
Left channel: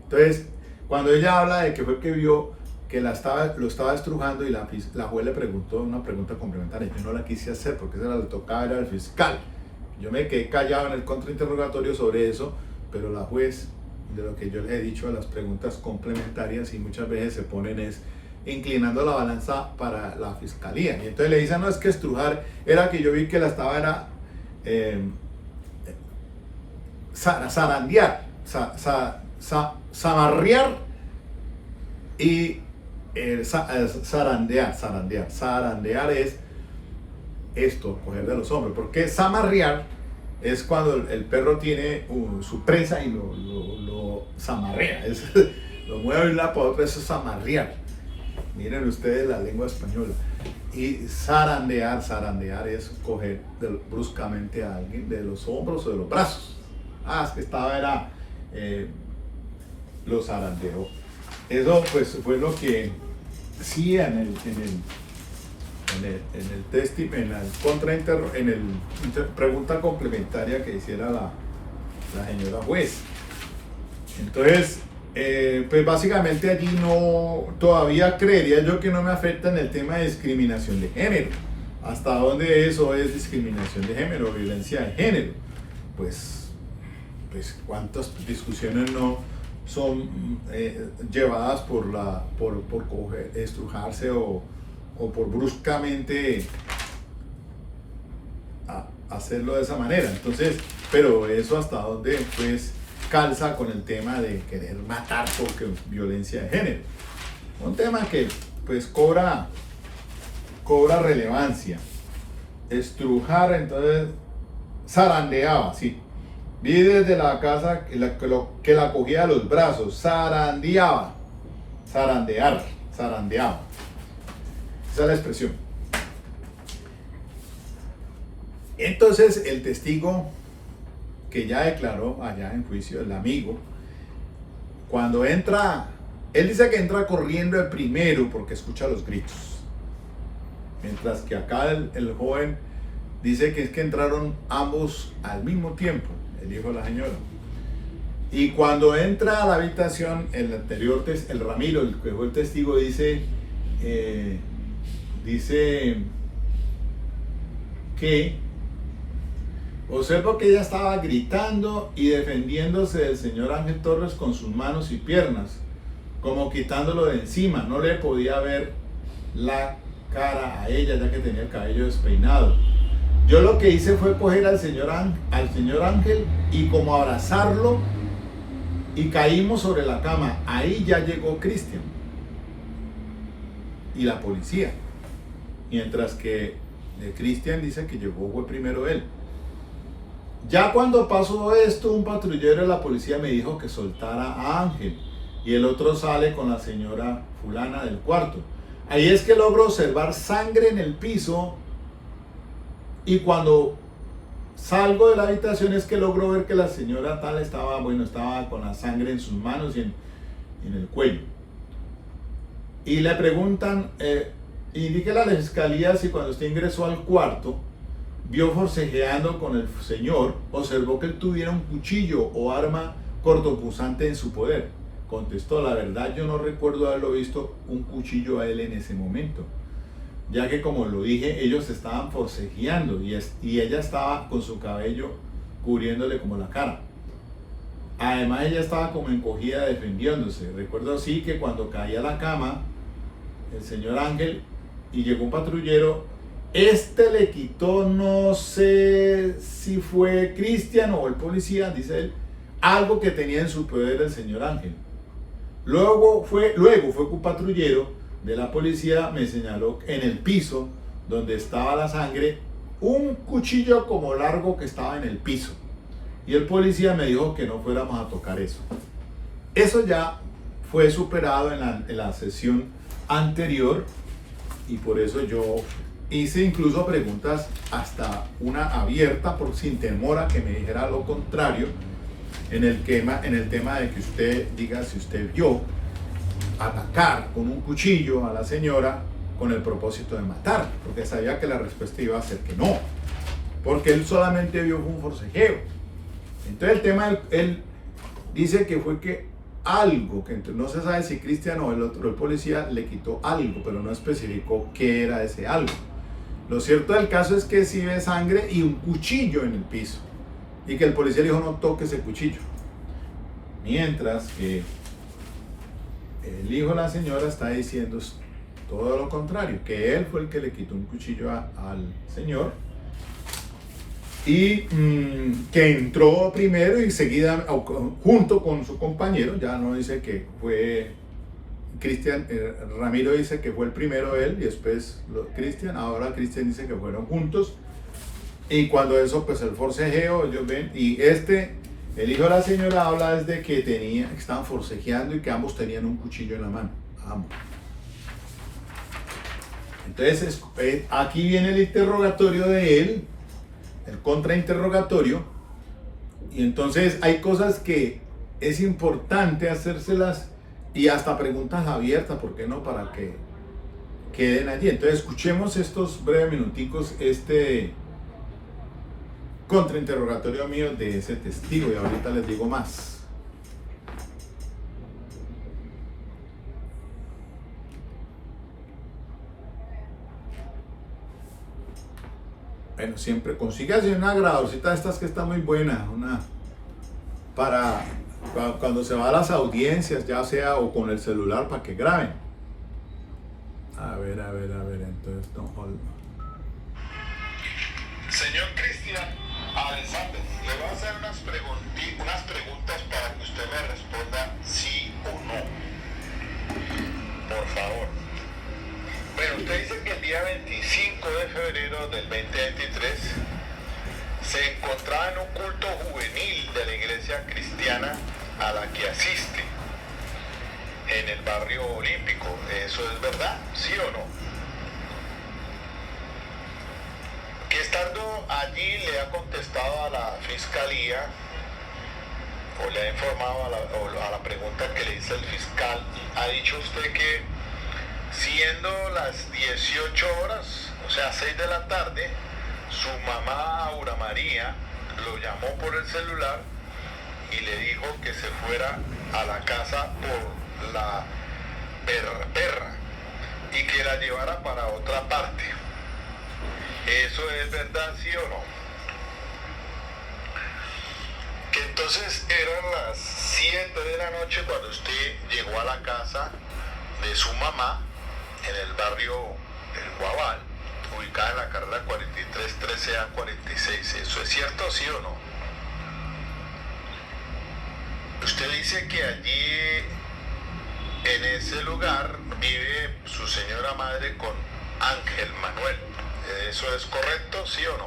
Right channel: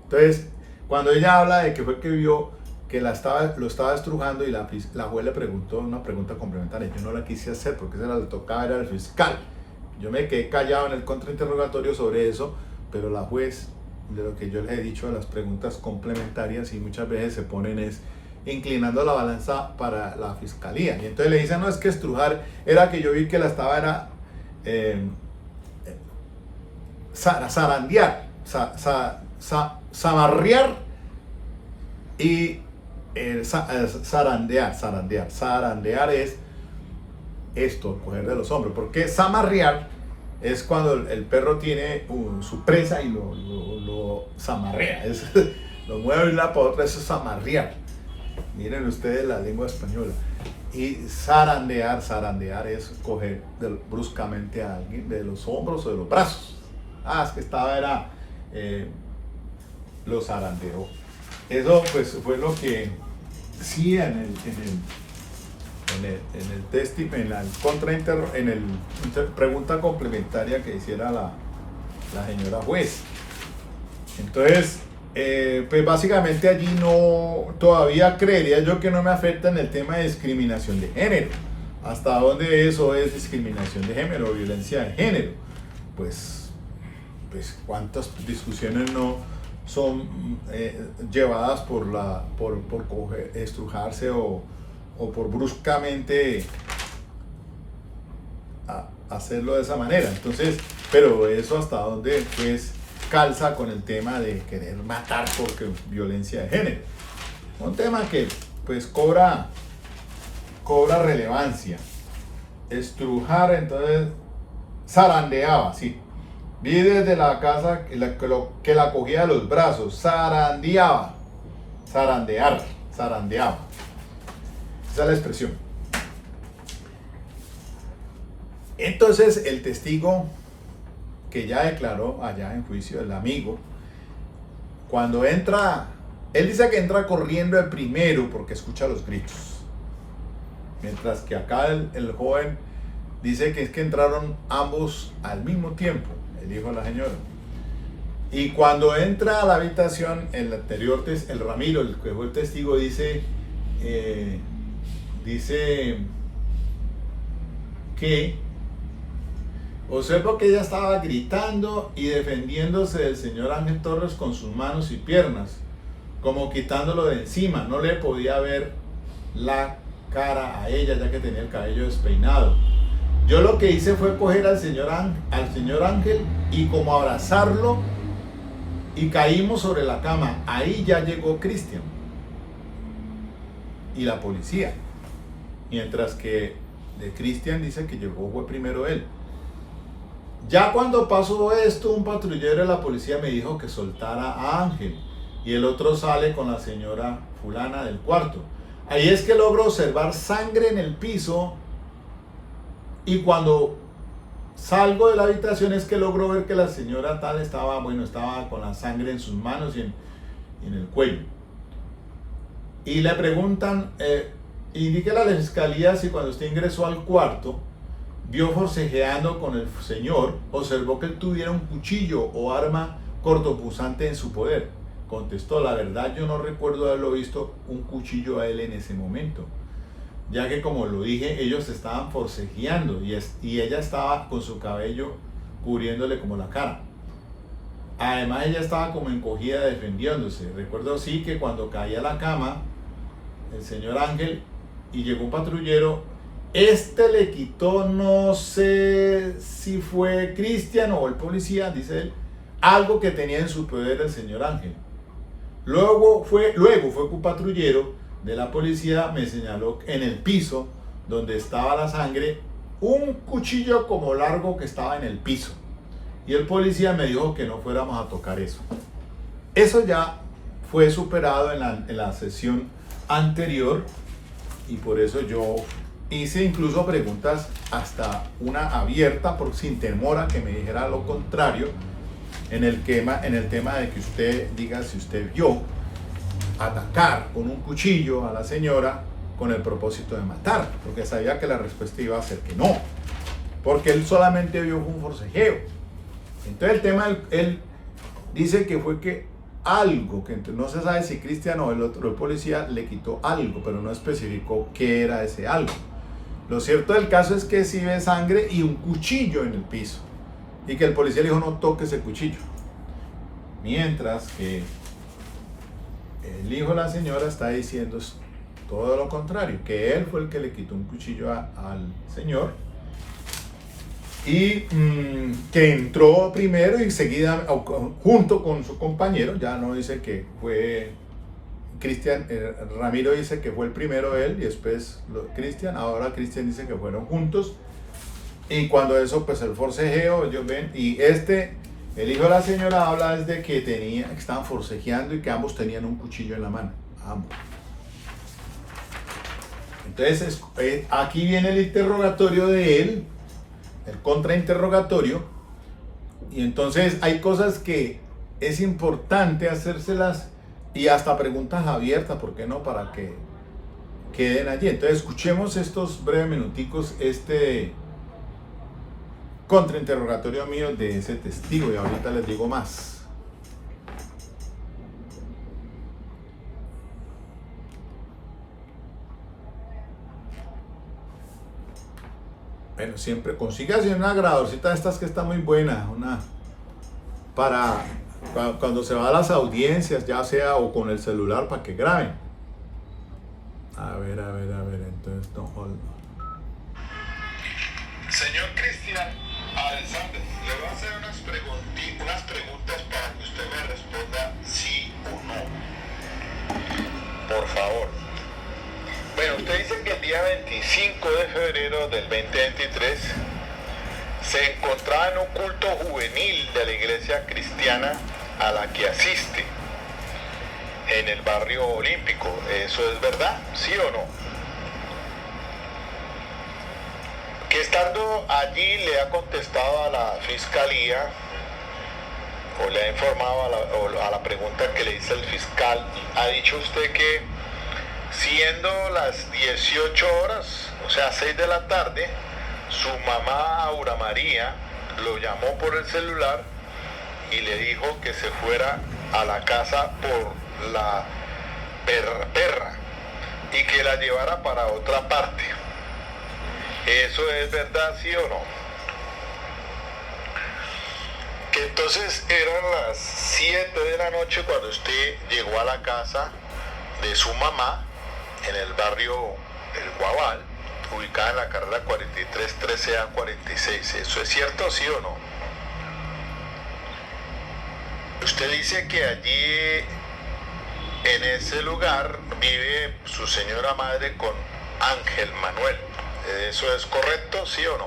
Entonces, cuando ella habla de que fue que vio que lo estaba estrujando y la juez le preguntó una pregunta complementaria, yo no la quise hacer porque esa le tocaba, era el fiscal. Yo me quedé callado en el contrainterrogatorio sobre eso, pero la juez, de lo que yo les he dicho, las preguntas complementarias y muchas veces se ponen inclinando la balanza para la fiscalía. Y entonces le dicen, no, es que estrujar era que yo vi que la estaba, zarandear, zamarrear y zarandear. Zarandear es esto, coger de los hombros, porque zamarrear es cuando el perro tiene su presa y lo zamarrea, lo mueve de una para otra, eso es zamarrear. Miren ustedes la lengua española. Y zarandear es coger bruscamente a alguien de los hombros o de los brazos. Es que lo zarandeó. Eso pues fue lo que sí en la pregunta complementaria que hiciera la señora juez. Entonces, pues básicamente allí todavía creería yo que no me afecta en el tema de discriminación de género. ¿Hasta dónde eso es discriminación de género o violencia de género? Pues cuántas discusiones no son llevadas por estrujarse o por bruscamente hacerlo de esa manera. Entonces, pero eso hasta dónde pues calza con el tema de querer matar porque violencia de género. Un tema que pues cobra relevancia. Estrujar, entonces zarandeaba, sí. Vi desde la casa que la cogía de los brazos, zarandeaba, zarandeaba. Esa es la expresión. Entonces el testigo que ya declaró allá en juicio, el amigo, cuando entra, él dice que entra corriendo el primero porque escucha los gritos. Mientras que acá el joven dice que es que entraron ambos al mismo tiempo, el hijo de la señora. Y cuando entra a la habitación, el Ramiro, el que fue el testigo, dice que observo que ella estaba gritando y defendiéndose del señor Ángel Torres con sus manos y piernas, como quitándolo de encima. No le podía ver la cara a ella ya que tenía el cabello despeinado. Yo lo que hice fue coger al señor Ángel y como abrazarlo y caímos sobre la cama. Ahí ya llegó Cristian y la policía. Mientras que de Cristian dice que llegó fue primero él. Ya cuando pasó esto, un patrullero de la policía me dijo que soltara a Ángel y el otro sale con la señora fulana del cuarto. Ahí es que logro observar sangre en el piso y cuando salgo de la habitación es que logro ver que la señora tal estaba con la sangre en sus manos y en el cuello. Y le preguntan, indíquele a la fiscalía si cuando usted ingresó al cuarto vio forcejeando con el señor, observó que él tuviera un cuchillo o arma cortopunzante en su poder. Contestó, la verdad yo no recuerdo haberlo visto un cuchillo a él en ese momento. ya que como lo dije, ellos estaban forcejeando y ella estaba con su cabello cubriéndole como la cara. Además ella estaba como encogida defendiéndose. Recuerdo sí que cuando caía a la cama, el señor Ángel, y llegó un patrullero, le quitó, no sé si fue Cristian o el policía, dice él, algo que tenía en su poder el señor Ángel. Luego fue que un patrullero de la policía me señaló en el piso donde estaba la sangre un cuchillo como largo que estaba en el piso. Y el policía me dijo que no fuéramos a tocar eso. Eso ya fue superado en la sesión anterior y por eso yo hice incluso preguntas, hasta una abierta, por sin temor a que me dijera lo contrario, en el tema de que usted diga si usted vio atacar con un cuchillo a la señora con el propósito de matar, porque sabía que la respuesta iba a ser que no, porque él solamente vio un forcejeo. Entonces el tema, él dice que fue que algo, que no se sabe si Cristian o el otro, el policía, le quitó algo, pero no especificó qué era ese algo. Lo cierto del caso es que sí ve sangre y un cuchillo en el piso, y que el policía le dijo no toque ese cuchillo. Mientras que el hijo de la señora está diciendo todo lo contrario, que él fue el que le quitó un cuchillo al señor y que entró primero y seguida junto con su compañero. Ya no dice que fue Cristian, Ramiro dice que fue el primero él y después Cristian. Ahora Cristian dice que fueron juntos, y cuando eso, pues el forcejeo, ellos ven, y el hijo de la señora habla desde que estaban forcejeando y que ambos tenían un cuchillo en la mano, ambos. Entonces aquí viene el interrogatorio de él, el contrainterrogatorio, y entonces hay cosas que es importante hacérselas y hasta preguntas abiertas, ¿por qué no? Para que queden allí. Entonces escuchemos estos breves minuticos, contrainterrogatorio mío de ese testigo, y ahorita les digo más. Bueno, siempre consígase una grabadorcita de estas que está muy buena, para cuando se va a las audiencias, ya sea o con el celular, para que graben. A ver, entonces no hold. Señor Cristian Alexander, le voy a hacer unas preguntas para que usted me responda sí o no. Por favor. Bueno, usted dice que el día 25 de febrero del 2023 se encontraba en un culto juvenil de la iglesia cristiana a la que asiste en el barrio Olímpico. ¿Eso es verdad? ¿Sí o no? Que estando allí le ha contestado a la fiscalía o le ha informado a la pregunta que le hizo el fiscal, ha dicho usted que siendo las 18 horas, o sea 6 de la tarde, su mamá Aura María lo llamó por el celular y le dijo que se fuera a la casa por la perra y que la llevara para otra parte. ¿Eso es verdad, sí o no? Que entonces eran las 7 de la noche cuando usted llegó a la casa de su mamá en el barrio El Guabal, ubicada en la carrera 43 13A 46. ¿Eso es cierto, sí o no? Usted dice que allí, en ese lugar, vive su señora madre con Ángel Manuel. ¿Eso es correcto, sí o no?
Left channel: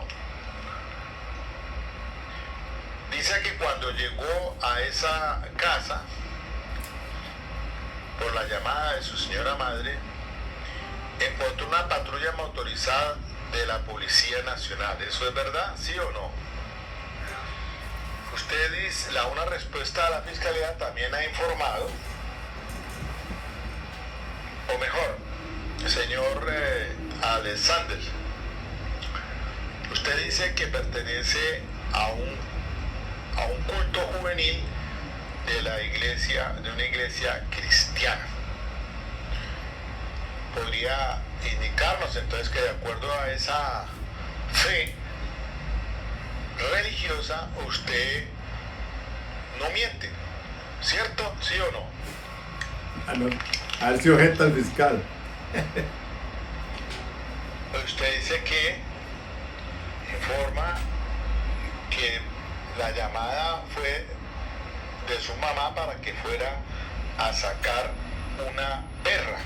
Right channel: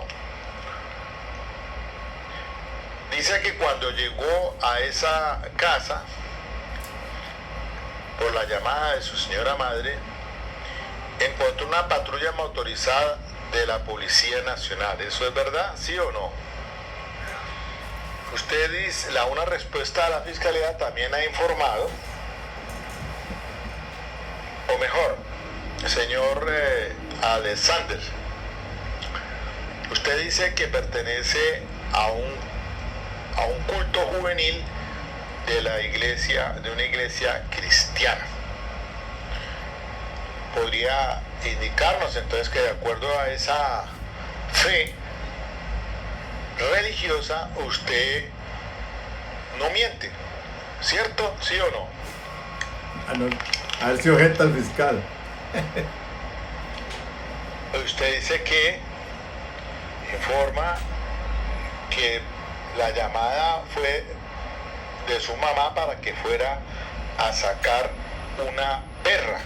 Dice que cuando llegó a esa casa, por la llamada de su señora madre, encontró una patrulla motorizada de la Policía Nacional. ¿Eso es verdad, sí o no? Usted dice, una respuesta a la Fiscalía también ha informado, o mejor, señor Alexander, usted dice que pertenece a un culto juvenil de una iglesia cristiana. podría indicarnos entonces que de acuerdo a esa fe religiosa usted no miente, ¿cierto? ¿Sí o no? A ver si objeta el fiscal. Usted dice que informa que la llamada fue de su mamá para que fuera a sacar una perra.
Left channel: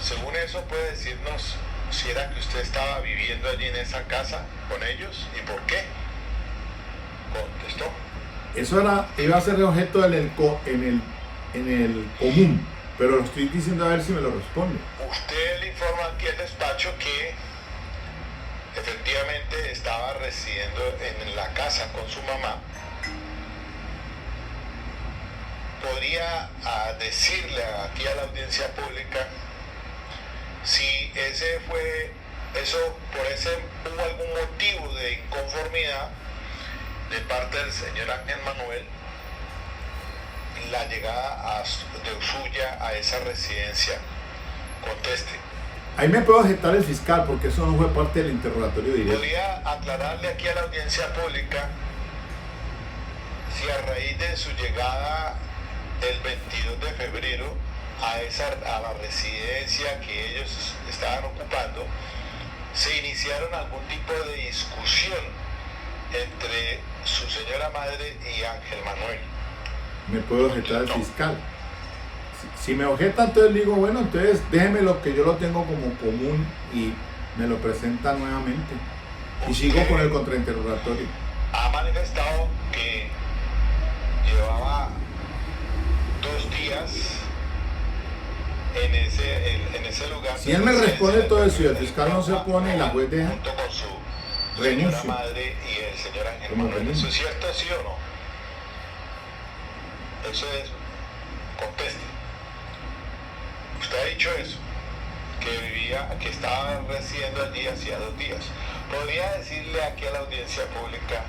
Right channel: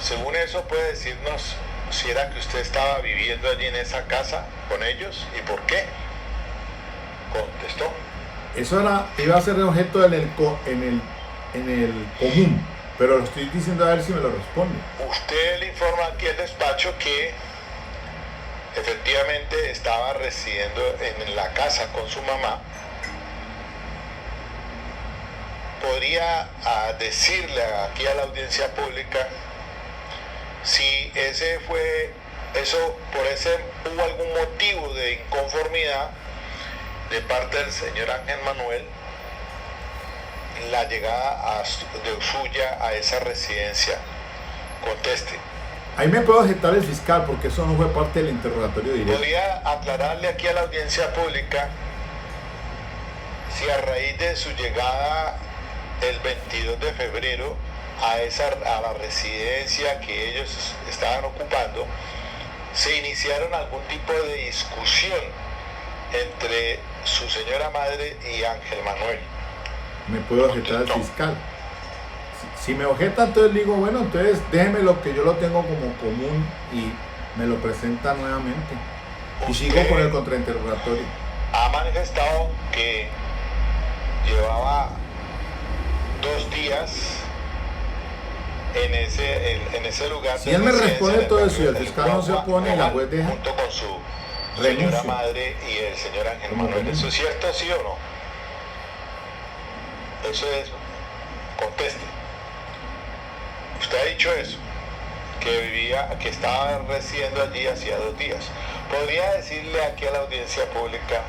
Según eso, puede decirnos si era que usted estaba viviendo allí en esa casa con ellos y por qué. Contestó. Eso iba a ser objeto en el común, pero lo estoy diciendo a ver si me lo responde. Usted le informa aquí al despacho que efectivamente estaba residiendo en la casa con su mamá. ¿Podría decirle aquí a la audiencia pública si por ese hubo algún motivo de inconformidad de parte del señor Ángel Manuel la llegada suya a esa residencia? Conteste. Ahí me puedo objetar el fiscal porque eso no fue parte del interrogatorio directo. ¿Podría aclararle aquí a la audiencia pública si a raíz de su llegada el 22 de febrero a la residencia que ellos estaban ocupando, se iniciaron algún tipo de discusión entre su señora madre y Ángel Manuel? Me puedo objetar al fiscal. Si me objeta, entonces digo, bueno, entonces déjeme lo que yo lo tengo como común y me lo presenta nuevamente. Y sigo con el contrainterrogatorio. Ha manifestado que llevaba 2 días en ese lugar. Si él me responde todo eso y el fiscal no se opone y la juez deja, junto con su renuncio. señora madre y el señor Ángel Como Manuel. renuncio. ¿Eso es cierto, sí o no? Eso es. Conteste. Usted ha dicho eso, que estaba residiendo allí hacía 2 días. ¿Podría decirle aquí a la audiencia pública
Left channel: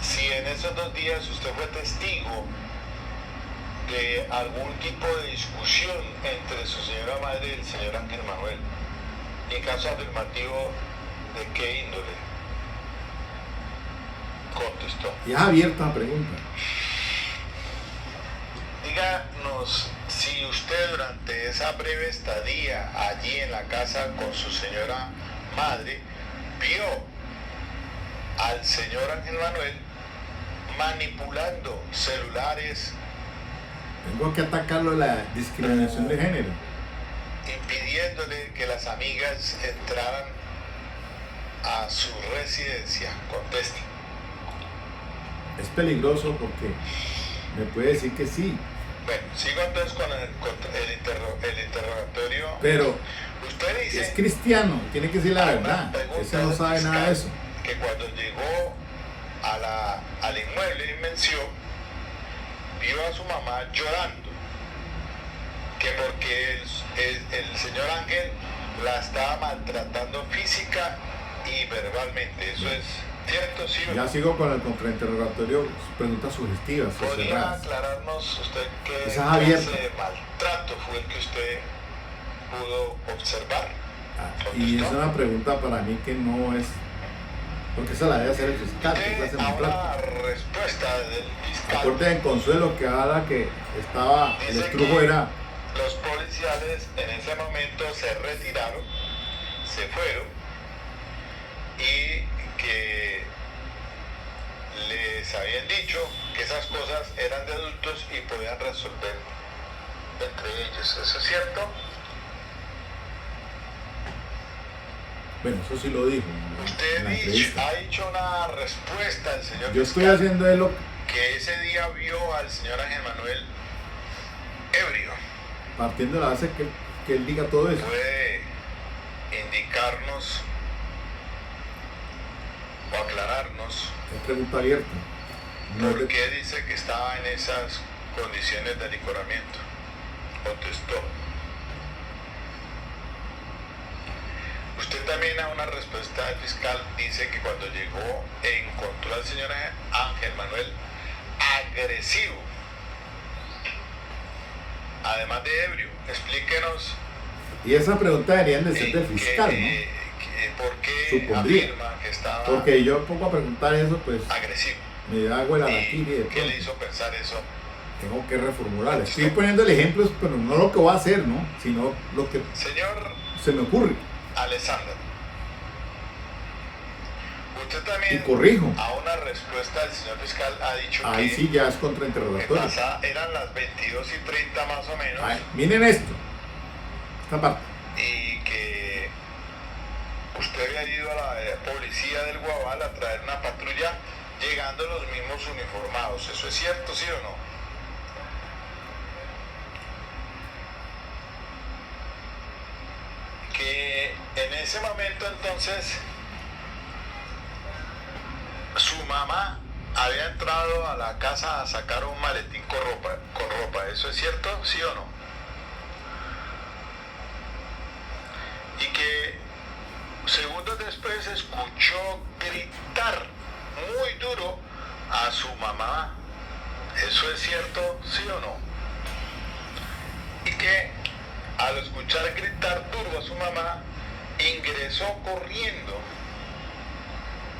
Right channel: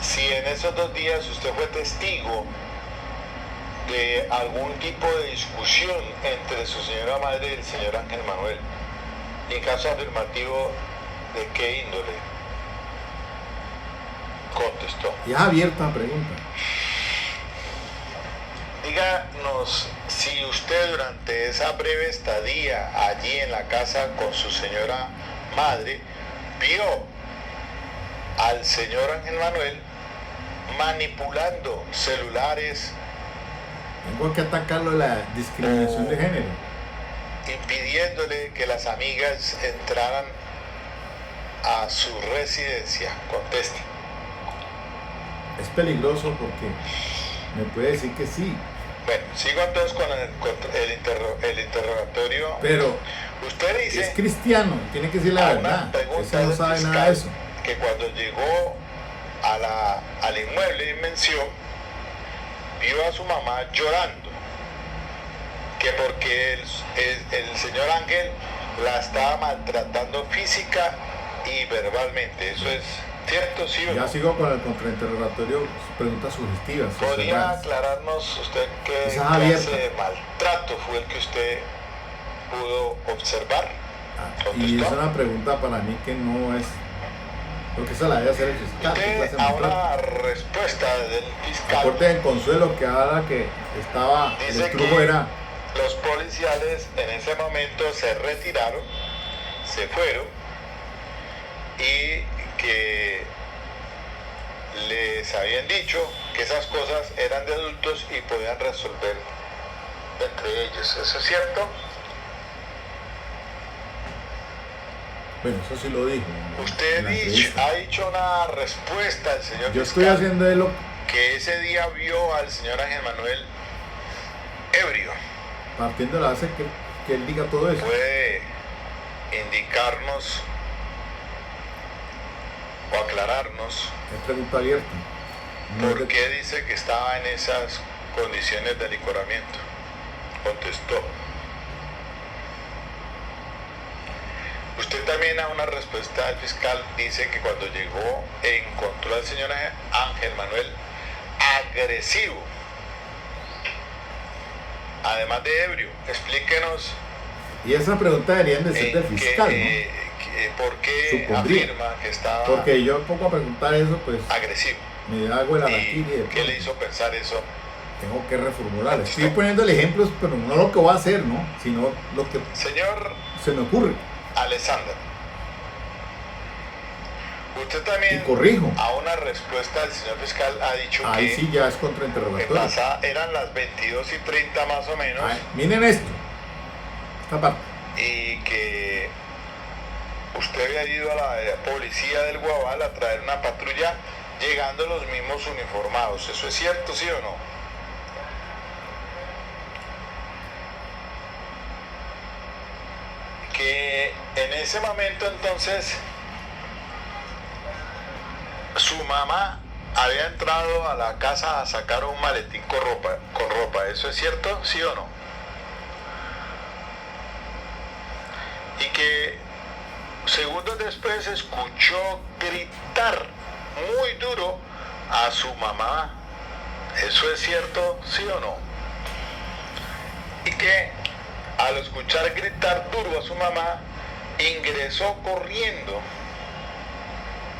si en esos 2 días usted fue testigo de algún tipo de discusión entre su señora madre y el señor Ángel Manuel? En caso afirmativo, ¿de qué índole? Contestó. Y es abierta la pregunta. Díganos si usted durante esa breve estadía allí en la casa con su señora madre vio al señor Ángel Manuel manipulando celulares, Tengo que atacarlo de la discriminación de género. impidiéndole que las amigas entraran a su residencia. Conteste. Es peligroso porque me puede decir que sí, Bueno, sigo entonces con el interrogatorio. pero Usted dice es cristiano, tiene que decir la verdad. Ese no sabe nada de eso. Que cuando llegó al inmueble de Invención, vio a su mamá llorando, que porque el señor Ángel la estaba maltratando física y verbalmente. ¿Eso es cierto, sí o no? Ya sigo con el contrainterrogatorio, preguntas sugestivas. ¿Podría cerradas. aclararnos usted qué Esa es clase abierta. de maltrato fue el que usted pudo observar? Y es una pregunta para mí que no es, porque esa la debe hacer el fiscal. ¿Qué clase de Usted a una maltrato? respuesta del fiscal Aporte de consuelo que habla que estaba, el dice estrujo que era, los policiales en ese momento se retiraron, se fueron y que les habían dicho que esas cosas eran de adultos y podían resolver entre ellos. ¿Eso es cierto? bueno, eso sí lo dijo Usted en la entrevista. ha dicho una respuesta al señor Yo estoy fiscal haciendo de lo que ese día vio al señor Ángel Manuel ebrio. partiendo de la base que él diga todo eso. ¿Puede indicarnos o aclararnos Es pregunta abierta. No es por de- qué dice que estaba en esas condiciones de licoramiento? Contestó. Usted también a una respuesta del fiscal dice que cuando llegó encontró al señor Ángel Manuel agresivo, además de ebrio. Explíquenos Y esa pregunta deberían de ser del fiscal, ¿no? ¿Por qué Supondría. afirma que estaba Porque yo pongo a preguntar eso, pues agresivo? me hago el araquiri de ¿Qué le pronto. hizo pensar eso? Tengo que reformular. Estoy poniendo el ejemplo, pero no lo que voy a hacer, ¿no? Sino lo que Señor se me ocurre. Alexander, usted Y también corrijo. a una respuesta del señor fiscal ha dicho Ahí que, sí ya es que contrainterrogatorio. eran las 22:30 más o menos, Ay, miren esto. Esta parte. y que usted había ido a la policía del Guabal a traer una patrulla, llegando los mismos uniformados. ¿Eso es cierto, sí o no? Que en ese momento entonces su mamá había entrado a la casa a sacar un maletín con ropa. ¿Eso es cierto, sí o no? Y que segundos después escuchó gritar muy duro a su mamá. ¿Eso es cierto, sí o no? Y que al escuchar gritar duro a su mamá, ingresó corriendo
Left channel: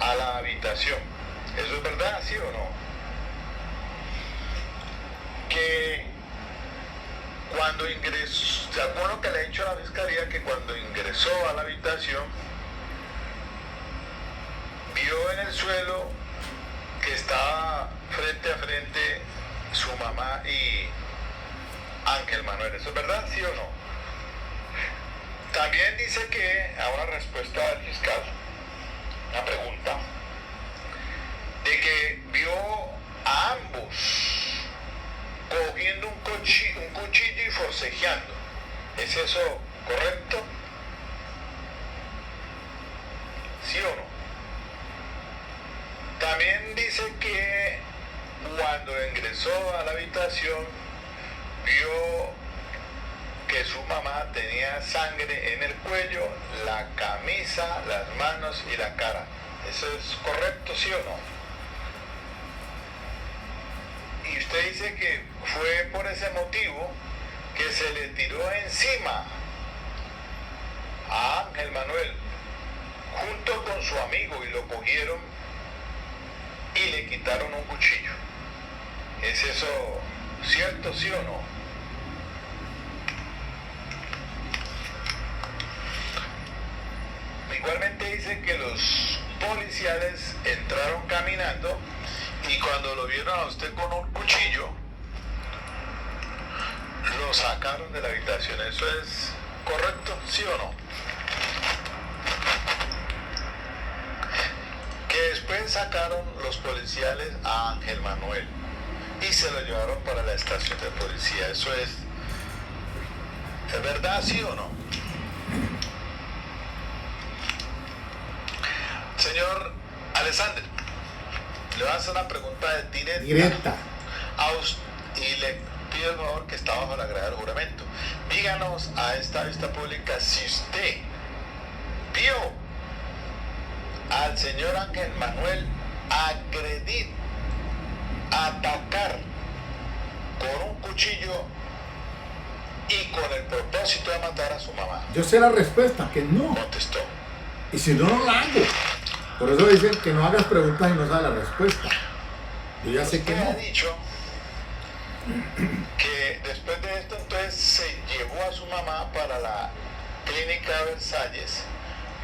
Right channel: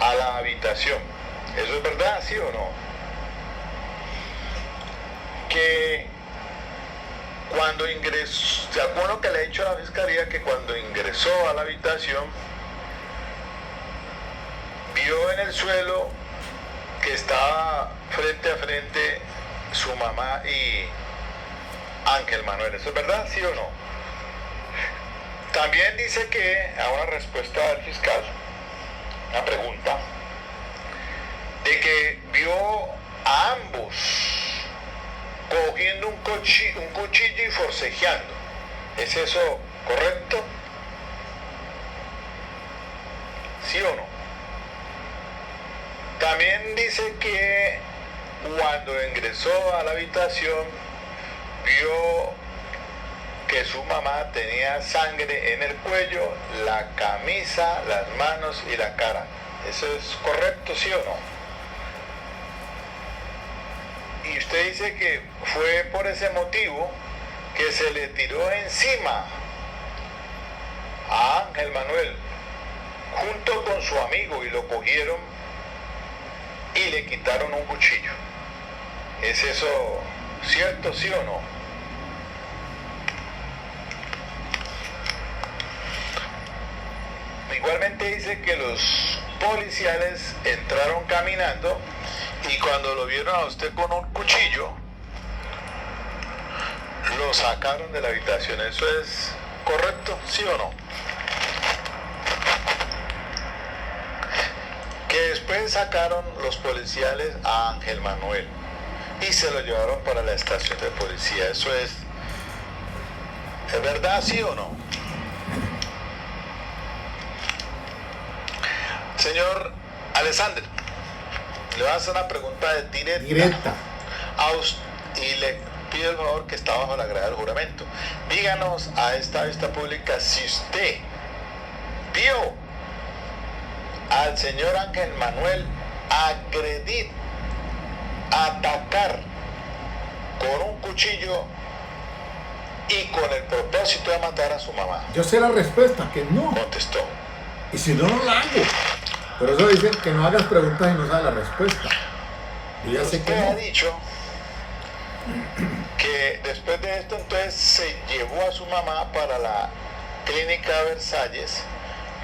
a la habitación. ¿Eso es verdad, sí o no? Que cuando ingresó, ¿se acuerdan que le he dicho a la fiscalía que cuando ingresó a la habitación, vio en el suelo que estaba frente a frente su mamá y Ángel Manuel? ¿Eso es verdad, sí o no? También dice que, ahora respuesta del fiscal, una pregunta, de que vio a ambos cogiendo un cuchillo y forcejeando. ¿Es eso correcto? ¿Sí o no? También dice que cuando ingresó a la habitación vio que su mamá tenía sangre en el cuello, la camisa, las manos y la cara. ¿Eso es correcto, sí o no? Y usted dice que fue por ese motivo que se le tiró encima a Ángel Manuel junto con su amigo y lo cogieron y le quitaron un cuchillo. ¿Es eso cierto, sí o no? Igualmente dice que los policiales entraron caminando y cuando lo vieron a usted con un cuchillo, lo sacaron de la habitación. ¿Eso es correcto, sí o no? Que después sacaron los policiales a Ángel Manuel y se lo llevaron para la estación de policía. ¿Eso es verdad, sí o no? Señor Alexander, le voy a hacer una pregunta directa. Y le pido el favor que está bajo la grada del juramento. Díganos a esta vista pública si usted vio al señor Ángel Manuel agredir, atacar con un cuchillo y con el propósito de matar a su mamá. Yo sé la respuesta, que no. Contestó. Y si no, no la hago. Por eso dicen que no hagas preguntas y no sabes la respuesta. Yo ya sé que Usted no. ha dicho que después de esto entonces se llevó a su mamá para la clínica Versalles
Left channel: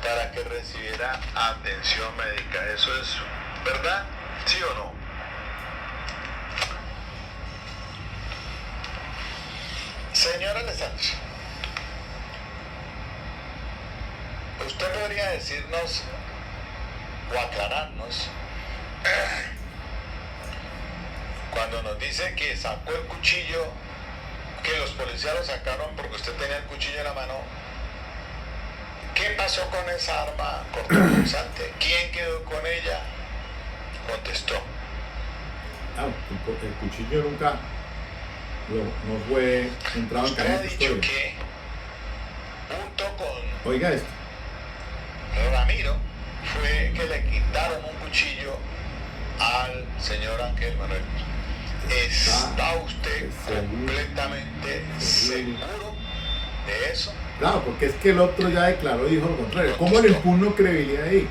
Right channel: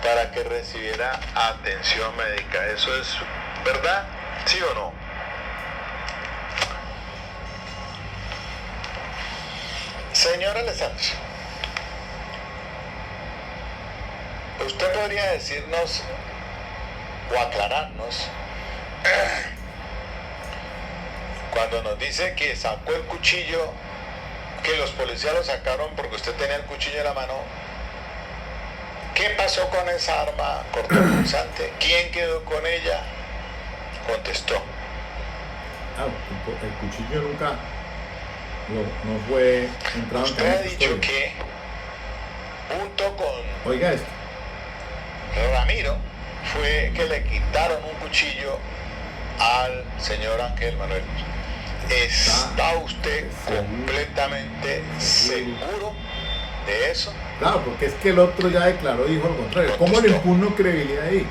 para que recibiera atención médica. ¿Eso es verdad? ¿Sí o no? Señora Alexander, ¿usted podría decirnos o aclararnos cuando nos dice que sacó el cuchillo, que los policías lo sacaron porque usted tenía el cuchillo en la mano? ¿Qué pasó con esa arma cortopunzante? ¿Quién quedó con ella? Contestó. El cuchillo nunca no fue entrado en Usted ha cadena de dicho custodia. que junto con Oiga esto. Ramiro fue que le quitaron un cuchillo al señor Ángel Manuel. ¿Está usted completamente seguro de eso? Claro, porque es que el otro ya declaró, dijo lo contrario. ¿Cómo le impugno credibilidad ahí?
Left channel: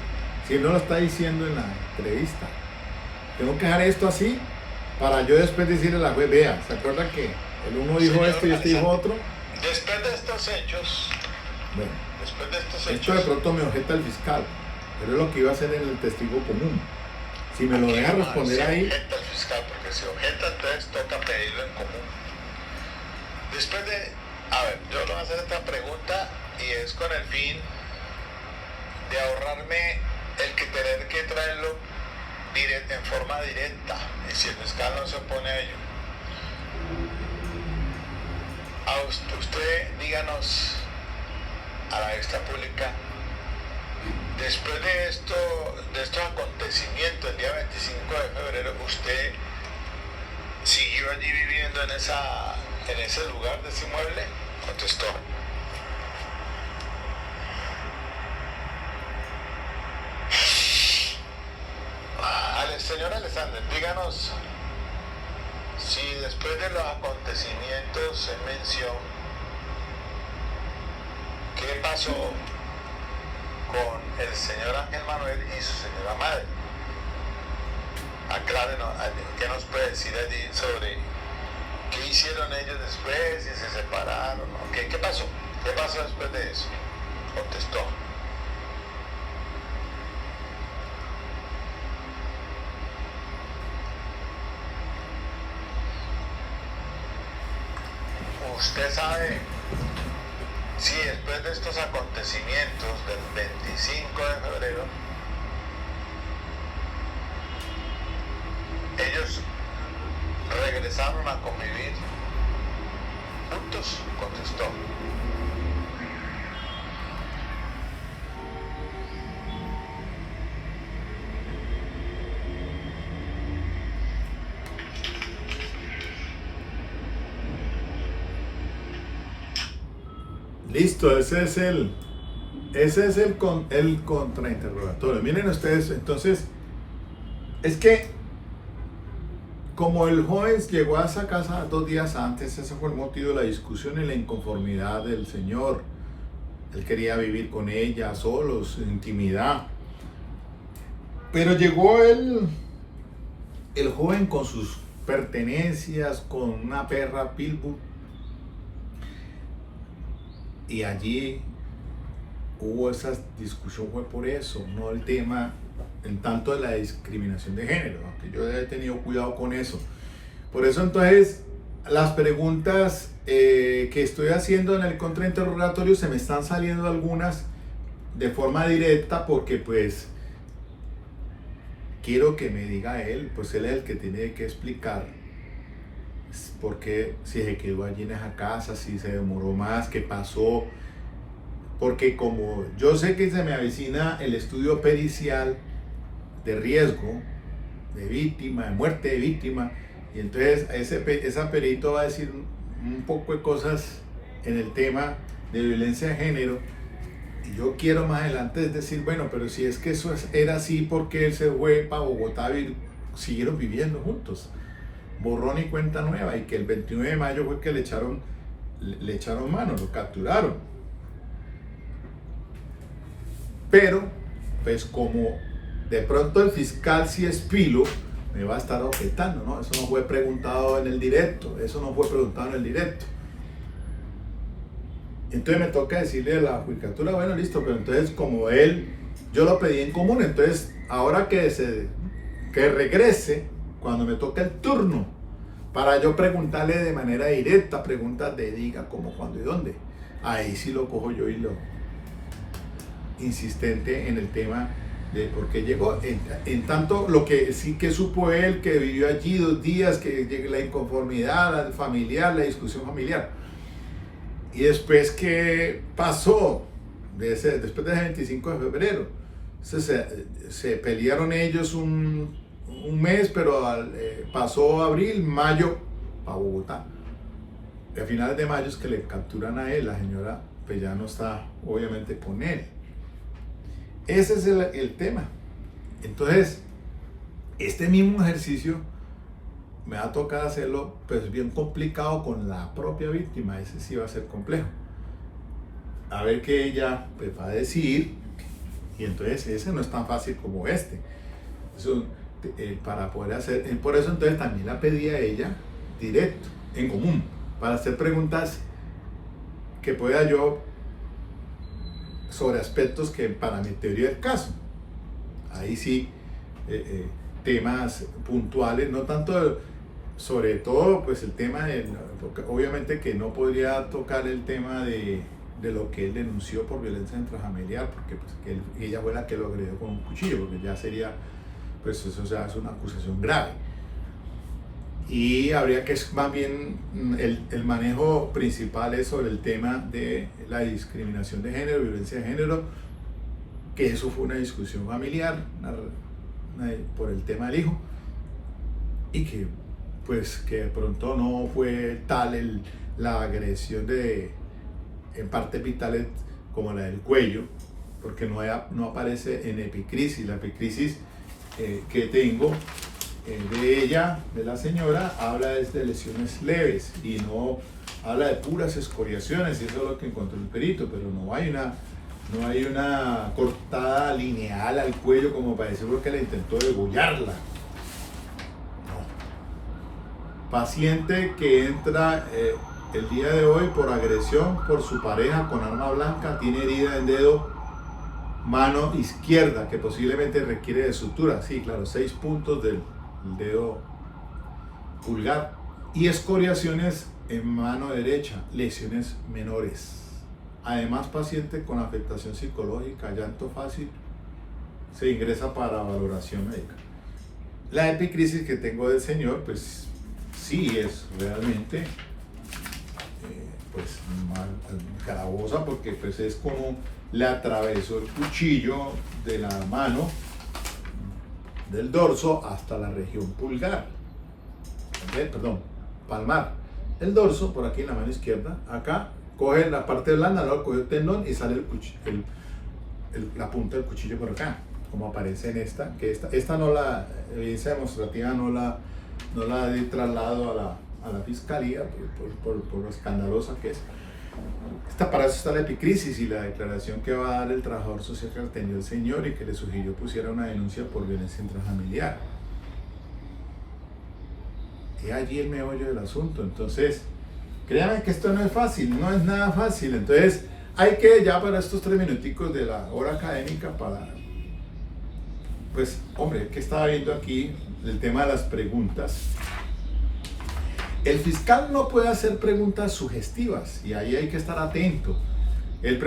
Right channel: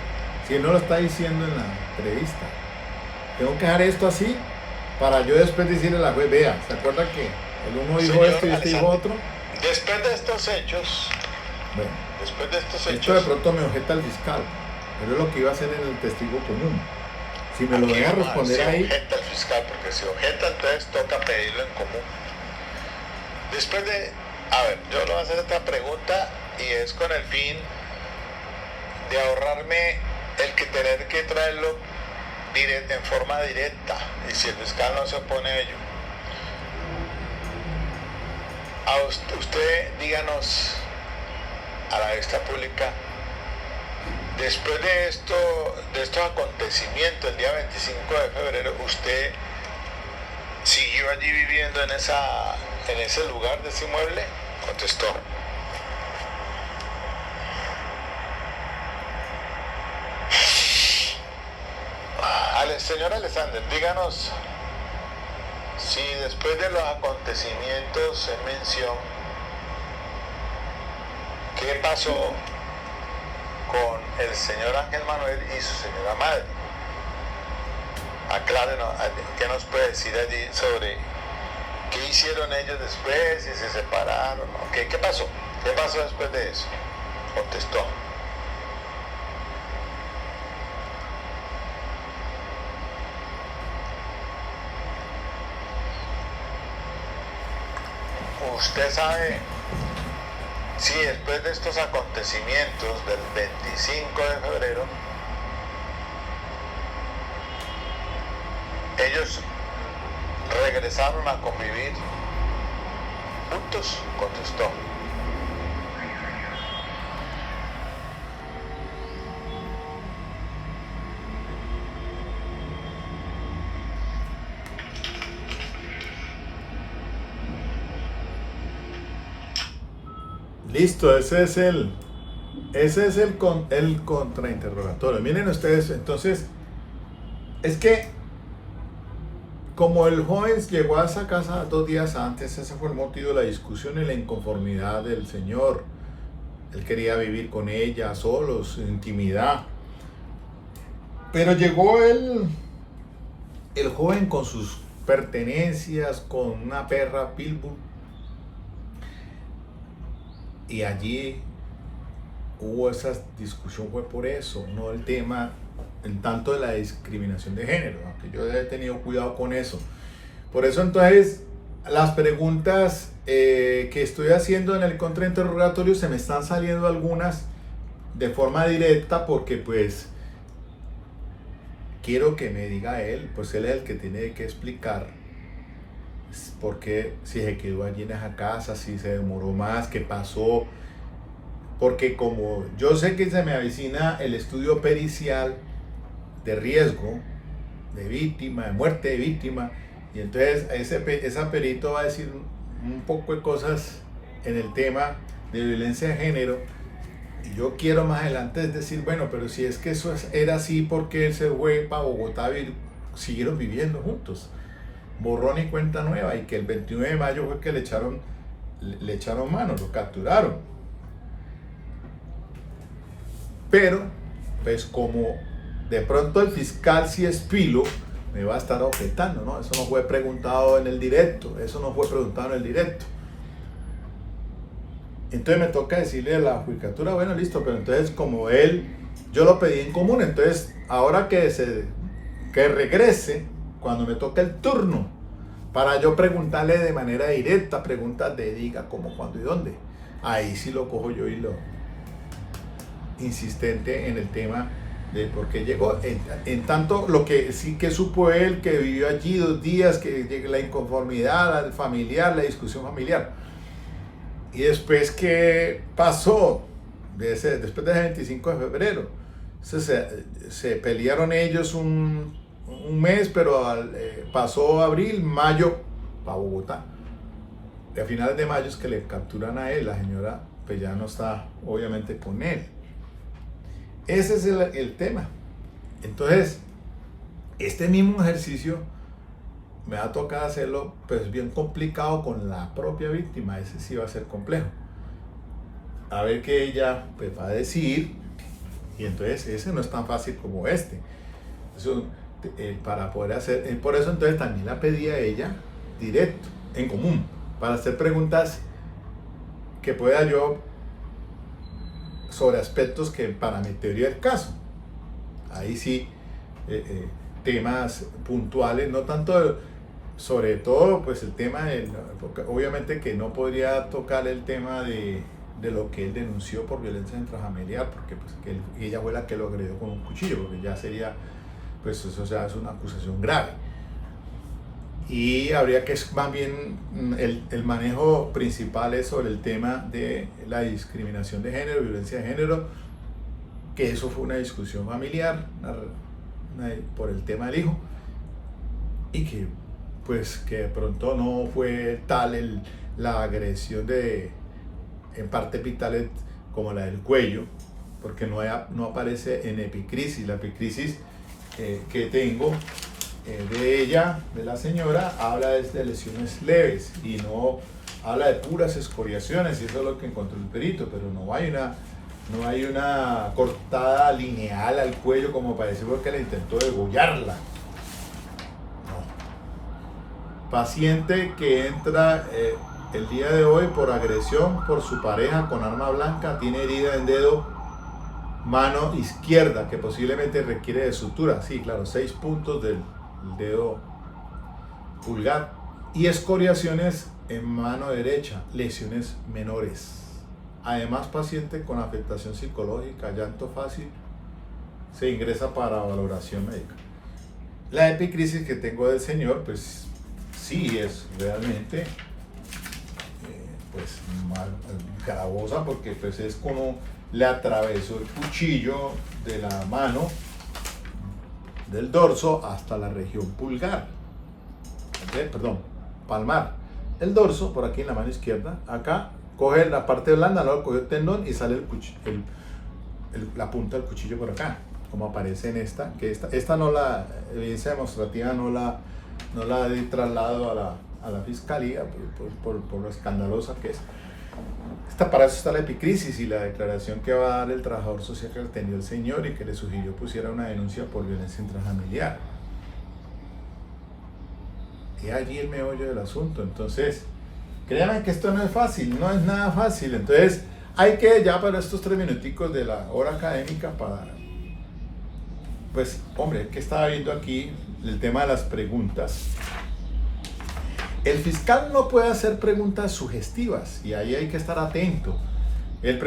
Si él no lo está diciendo en la entrevista. Tengo que dejar esto así para yo después decirle a la juez, vea, ¿se acuerda que el uno dijo Señor esto y este dijo otro? Después de estos hechos, Bueno, después de estos esto de hechos, pronto me objeta el fiscal, pero es lo que iba a hacer en el testigo común. Si me lo deja responder ahí, objeta el fiscal, porque si objeta, entonces toca pedirlo en común. Después de, a ver, yo le voy a hacer otra pregunta y es con el fin de ahorrarme el que tener que traerlo en forma directa, y si el fiscal no se opone a ello. A usted díganos a la vista pública, después de estos acontecimientos, el día 25 de febrero, ¿usted siguió allí viviendo en ese lugar de ese inmueble? Contestó. Señor Alexander, díganos si después de los acontecimientos en mención, ¿qué pasó con el señor Ángel Manuel y su señora madre? Aclárenos, ¿qué nos puede decir allí sobre qué hicieron ellos después, si se separaron? ¿Qué pasó? ¿Qué pasó después de eso? Contestó. Usted sabe si después de estos acontecimientos del 25 de febrero, ellos regresaron a convivir juntos, contestó. listo, ese es el contrainterrogatorio. Miren ustedes, entonces, es que como el joven llegó a esa casa 2 días antes, ese fue el motivo de la discusión y la inconformidad del señor. Él quería vivir con ella, solos, en intimidad. Pero llegó el joven con sus pertenencias, con una perra pitbull. Y allí hubo esa discusión, fue por eso, no el tema en tanto de la discriminación de género, aunque yo he tenido cuidado con eso. Por eso entonces las preguntas que estoy haciendo en el contrainterrogatorio se me están saliendo algunas de forma directa porque pues quiero que me diga él, pues él es el que tiene que explicar por qué, si se quedó allí en esa casa, si se demoró más, qué pasó. Porque como yo sé que se me avecina el estudio pericial de riesgo, de víctima, de muerte de víctima, y entonces esa perito va a decir un poco de cosas en el tema de violencia de género, y yo quiero más adelante decir, bueno, pero si es que eso era así, porque él se fue para Bogotá y siguieron viviendo juntos, borrón y cuenta nueva, y que el 29 de mayo fue que le echaron mano, lo capturaron. Pero, pues como de pronto el fiscal, si es pilo, me va a estar objetando, ¿no? Eso no fue preguntado en el directo, Entonces me toca decirle a la judicatura, bueno, listo, pero entonces como yo lo pedí en común, entonces ahora que regrese, cuando me toque el turno, para yo preguntarle de manera directa, preguntas de diga, cómo, cuándo y dónde. Ahí sí lo cojo yo y lo insistente en el tema de por qué llegó. En tanto, lo que sí que supo él, que vivió allí 2 días, que la inconformidad familiar, la discusión familiar. Y después, ¿qué pasó? Después del 25 de febrero. Se pelearon ellos un mes, pero pasó abril, mayo, para Bogotá. Y a finales de mayo es que le capturan a él, la señora pues ya no está obviamente con él. Ese es el tema. Entonces, este mismo ejercicio me va a tocar hacerlo pues bien complicado con la propia víctima. Ese sí va a ser complejo. a ver qué ella pues, va a decir. Y entonces ese no es tan fácil como este. Eso, para poder hacer, por eso entonces también la pedí a ella directo, en común, para hacer preguntas que pueda yo sobre aspectos que para mi teoría del caso. Ahí sí, temas puntuales, no tanto, sobre todo pues el tema, porque obviamente que no podría tocar el tema de lo que él denunció por violencia intrafamiliar, porque pues, que ella fue la que lo agredió con un cuchillo, porque ya sería, pues eso, o sea, es una acusación grave. Y habría que, más bien, el manejo principal es sobre el tema de la discriminación de género, violencia de género, que eso fue una discusión familiar por el tema del hijo, y que pues que de pronto no fue tal la agresión en partes vitales como la del cuello, porque no aparece en epicrisis. La epicrisis que tengo de ella, de la señora, habla de lesiones leves y no habla de puras escoriaciones, y eso es lo que encontró el perito, pero no hay una cortada lineal al cuello como parece porque le intentó degollarla. No. Paciente que entra el día de hoy por agresión por su pareja con arma blanca, tiene herida en dedo, mano izquierda, que posiblemente requiere de sutura. Sí, claro, 6 puntos del dedo pulgar y escoriaciones en mano derecha, lesiones menores. Además, paciente con afectación psicológica, llanto fácil, se ingresa para valoración médica. La epicrisis que tengo del señor, pues sí es realmente pues gravosa, porque pues es como le atravesó el cuchillo de la mano del dorso hasta la región pulgar, perdón, palmar. El dorso por aquí en la mano izquierda, acá coge la parte blanda, luego coge el tendón y sale la punta del cuchillo por acá, como aparece en esta, que esta no, la evidencia demostrativa no la he trasladado a la fiscalía por lo escandalosa que es. Para eso está la epicrisis y la declaración que va a dar el trabajador social que atendió el señor y que le sugirió pusiera una denuncia por violencia intrafamiliar. Y allí el meollo del asunto. Entonces, créanme que esto no es fácil, no es nada fácil. Entonces, hay que ya para estos 3 minuticos de la hora académica pues, hombre, que estaba viendo aquí el tema de las preguntas. El fiscal no puede hacer preguntas sugestivas y ahí hay que estar atento. Él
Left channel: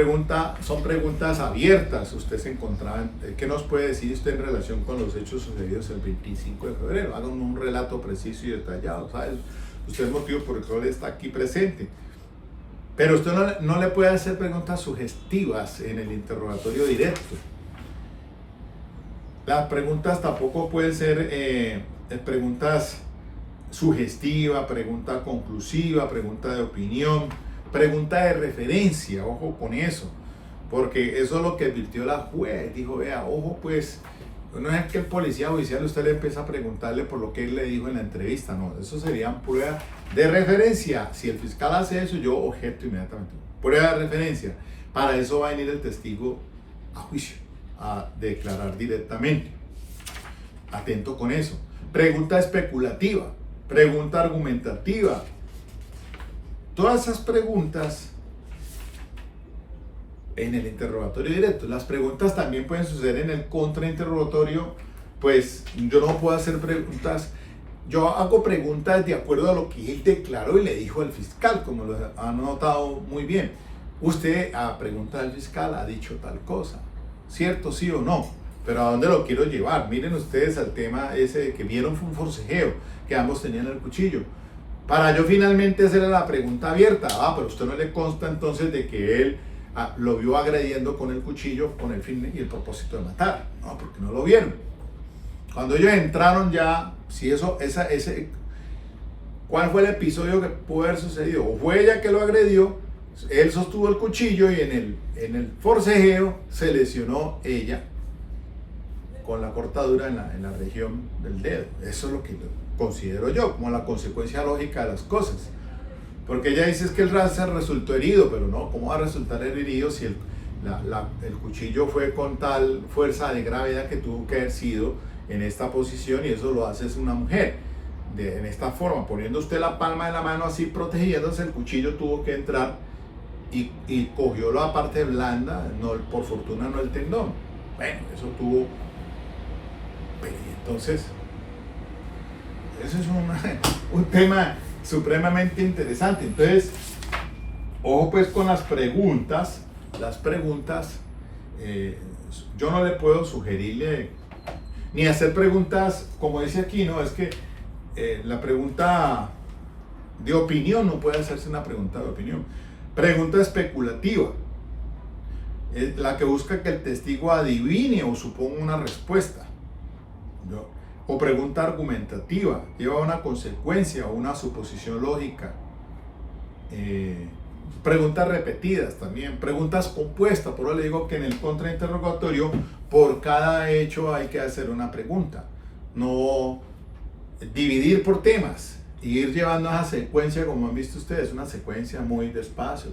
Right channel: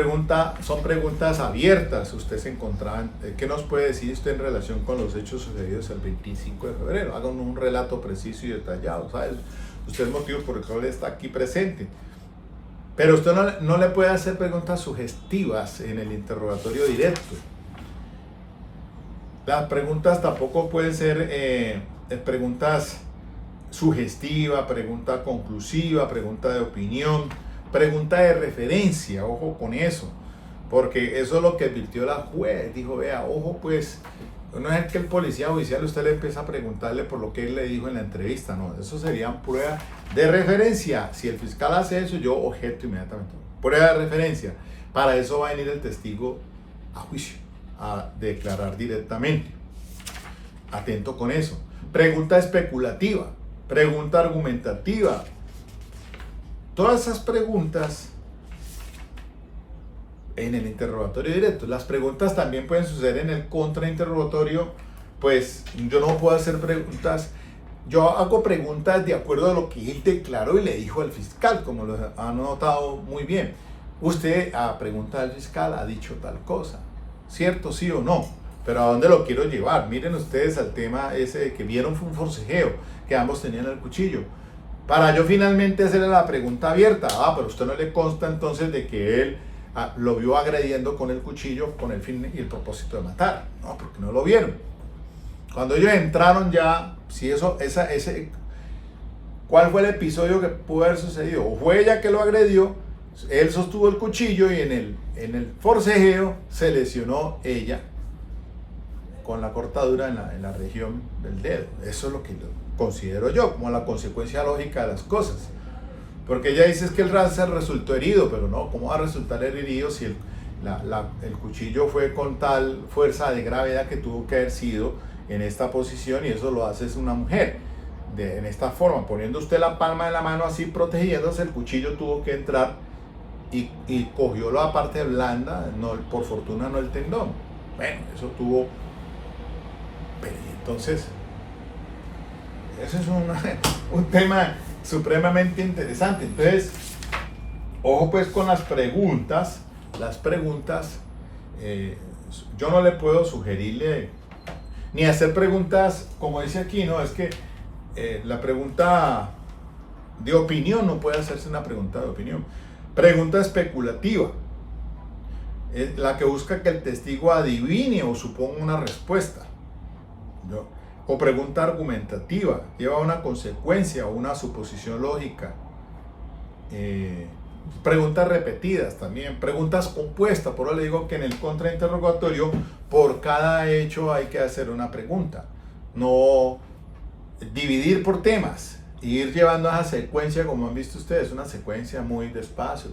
son preguntas abiertas. Usted se encontraba, ¿qué nos puede decir usted en relación con los hechos sucedidos el 25 de febrero? Hagan un relato preciso y detallado, ¿sabes? Usted es motivo por el cual está aquí presente. Pero usted no le puede hacer preguntas sugestivas en el interrogatorio directo. Las preguntas tampoco pueden ser preguntas sugestiva, pregunta conclusiva, pregunta de opinión, pregunta de referencia, ojo con eso, porque eso es lo que advirtió la juez. Dijo, vea, ojo pues, no es que el policía judicial usted le empieza a preguntarle por lo que él le dijo en la entrevista, no, eso serían pruebas de referencia. Si el fiscal hace eso, yo objeto inmediatamente. Prueba de referencia. Para eso va a venir el testigo a juicio, a declarar directamente. Atento con eso. Pregunta especulativa. Pregunta argumentativa. Todas esas preguntas en el interrogatorio directo. Las preguntas también pueden suceder en el contrainterrogatorio. Pues yo no puedo hacer preguntas. Yo hago preguntas de acuerdo a lo que él declaró y le dijo al fiscal, como lo han notado muy bien. Usted, a pregunta del fiscal, ha dicho tal cosa. ¿Cierto, sí o no? Pero ¿a dónde lo quiero llevar? Miren ustedes al tema ese de que vieron fue un forcejeo, que ambos tenían el cuchillo. Para yo finalmente hacerle la pregunta abierta, pero usted no le consta entonces de que él lo vio agrediendo con el cuchillo con el fin y el propósito de matar. No, porque no lo vieron. Cuando ellos entraron ya, si ¿cuál fue el episodio que pudo haber sucedido? O fue ella que lo agredió, él sostuvo el cuchillo y en el forcejeo se lesionó ella con la cortadura en la región del dedo. Eso es lo que considero yo como la consecuencia lógica de las cosas. Porque ella dice es que el Rancer resultó herido, pero no, ¿cómo va a resultar herido si el cuchillo fue con tal fuerza de gravedad que tuvo que haber sido en esta posición, y eso lo hace es una mujer, en esta forma, poniendo usted la palma de la mano así protegiéndose, el cuchillo tuvo que entrar y cogió la parte blanda, no, por fortuna no el tendón. Bueno, eso tuvo... Entonces, eso es un tema supremamente interesante. Entonces, ojo pues con las preguntas. Yo no le puedo sugerirle ni hacer preguntas como dice aquí, no, es que la pregunta de opinión no puede hacerse una pregunta de opinión. Pregunta especulativa, la que busca que el testigo adivine o suponga una respuesta. O pregunta argumentativa, lleva una consecuencia o una suposición lógica. Preguntas repetidas también, preguntas compuestas. Por eso le digo que en el contrainterrogatorio por cada hecho hay que hacer una pregunta, no dividir por temas, ir llevando esa secuencia como han visto ustedes, una secuencia muy despacio,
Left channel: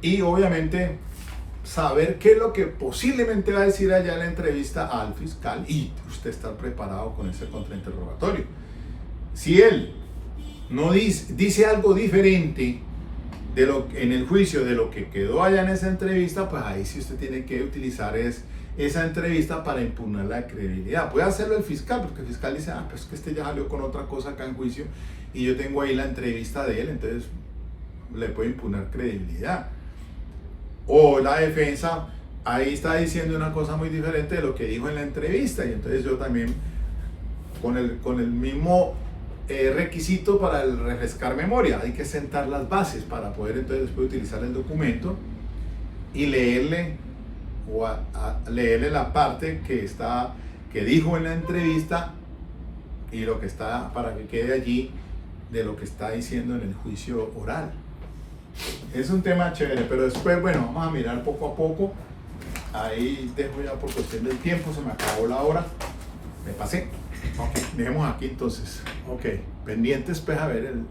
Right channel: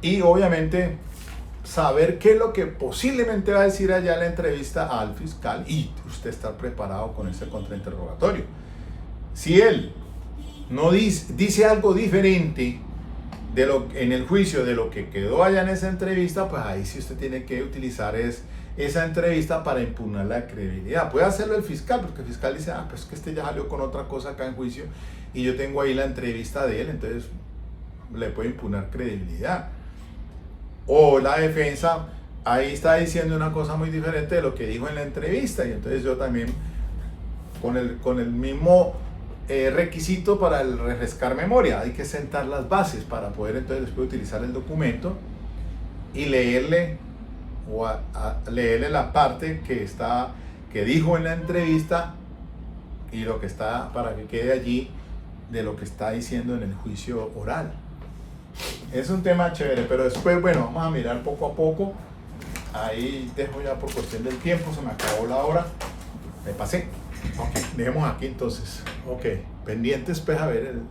y obviamente saber qué es lo que posiblemente va a decir allá en la entrevista al fiscal y usted estar preparado con ese contrainterrogatorio. Si él no dice algo diferente de en el juicio de lo que quedó allá en esa entrevista, pues ahí sí usted tiene que utilizar esa entrevista para impugnar la credibilidad. Puede hacerlo el fiscal, porque el fiscal dice, pues que este ya salió con otra cosa acá en juicio y yo tengo ahí la entrevista de él, entonces le puede impugnar credibilidad. O la defensa ahí está diciendo una cosa muy diferente de lo que dijo en la entrevista, y entonces yo también con el mismo requisito para el refrescar memoria, hay que sentar las bases para poder entonces después utilizar el documento y leerle leerle la parte que dijo en la entrevista y lo que está, para que quede allí de lo que está diciendo en el juicio oral. Es un tema chévere, pero después, bueno, vamos a mirar poco a poco. Ahí dejo ya por cuestión del tiempo, se me acabó la hora, me pasé. Ok, dejemos aquí entonces. Ok, pendientes pues a ver el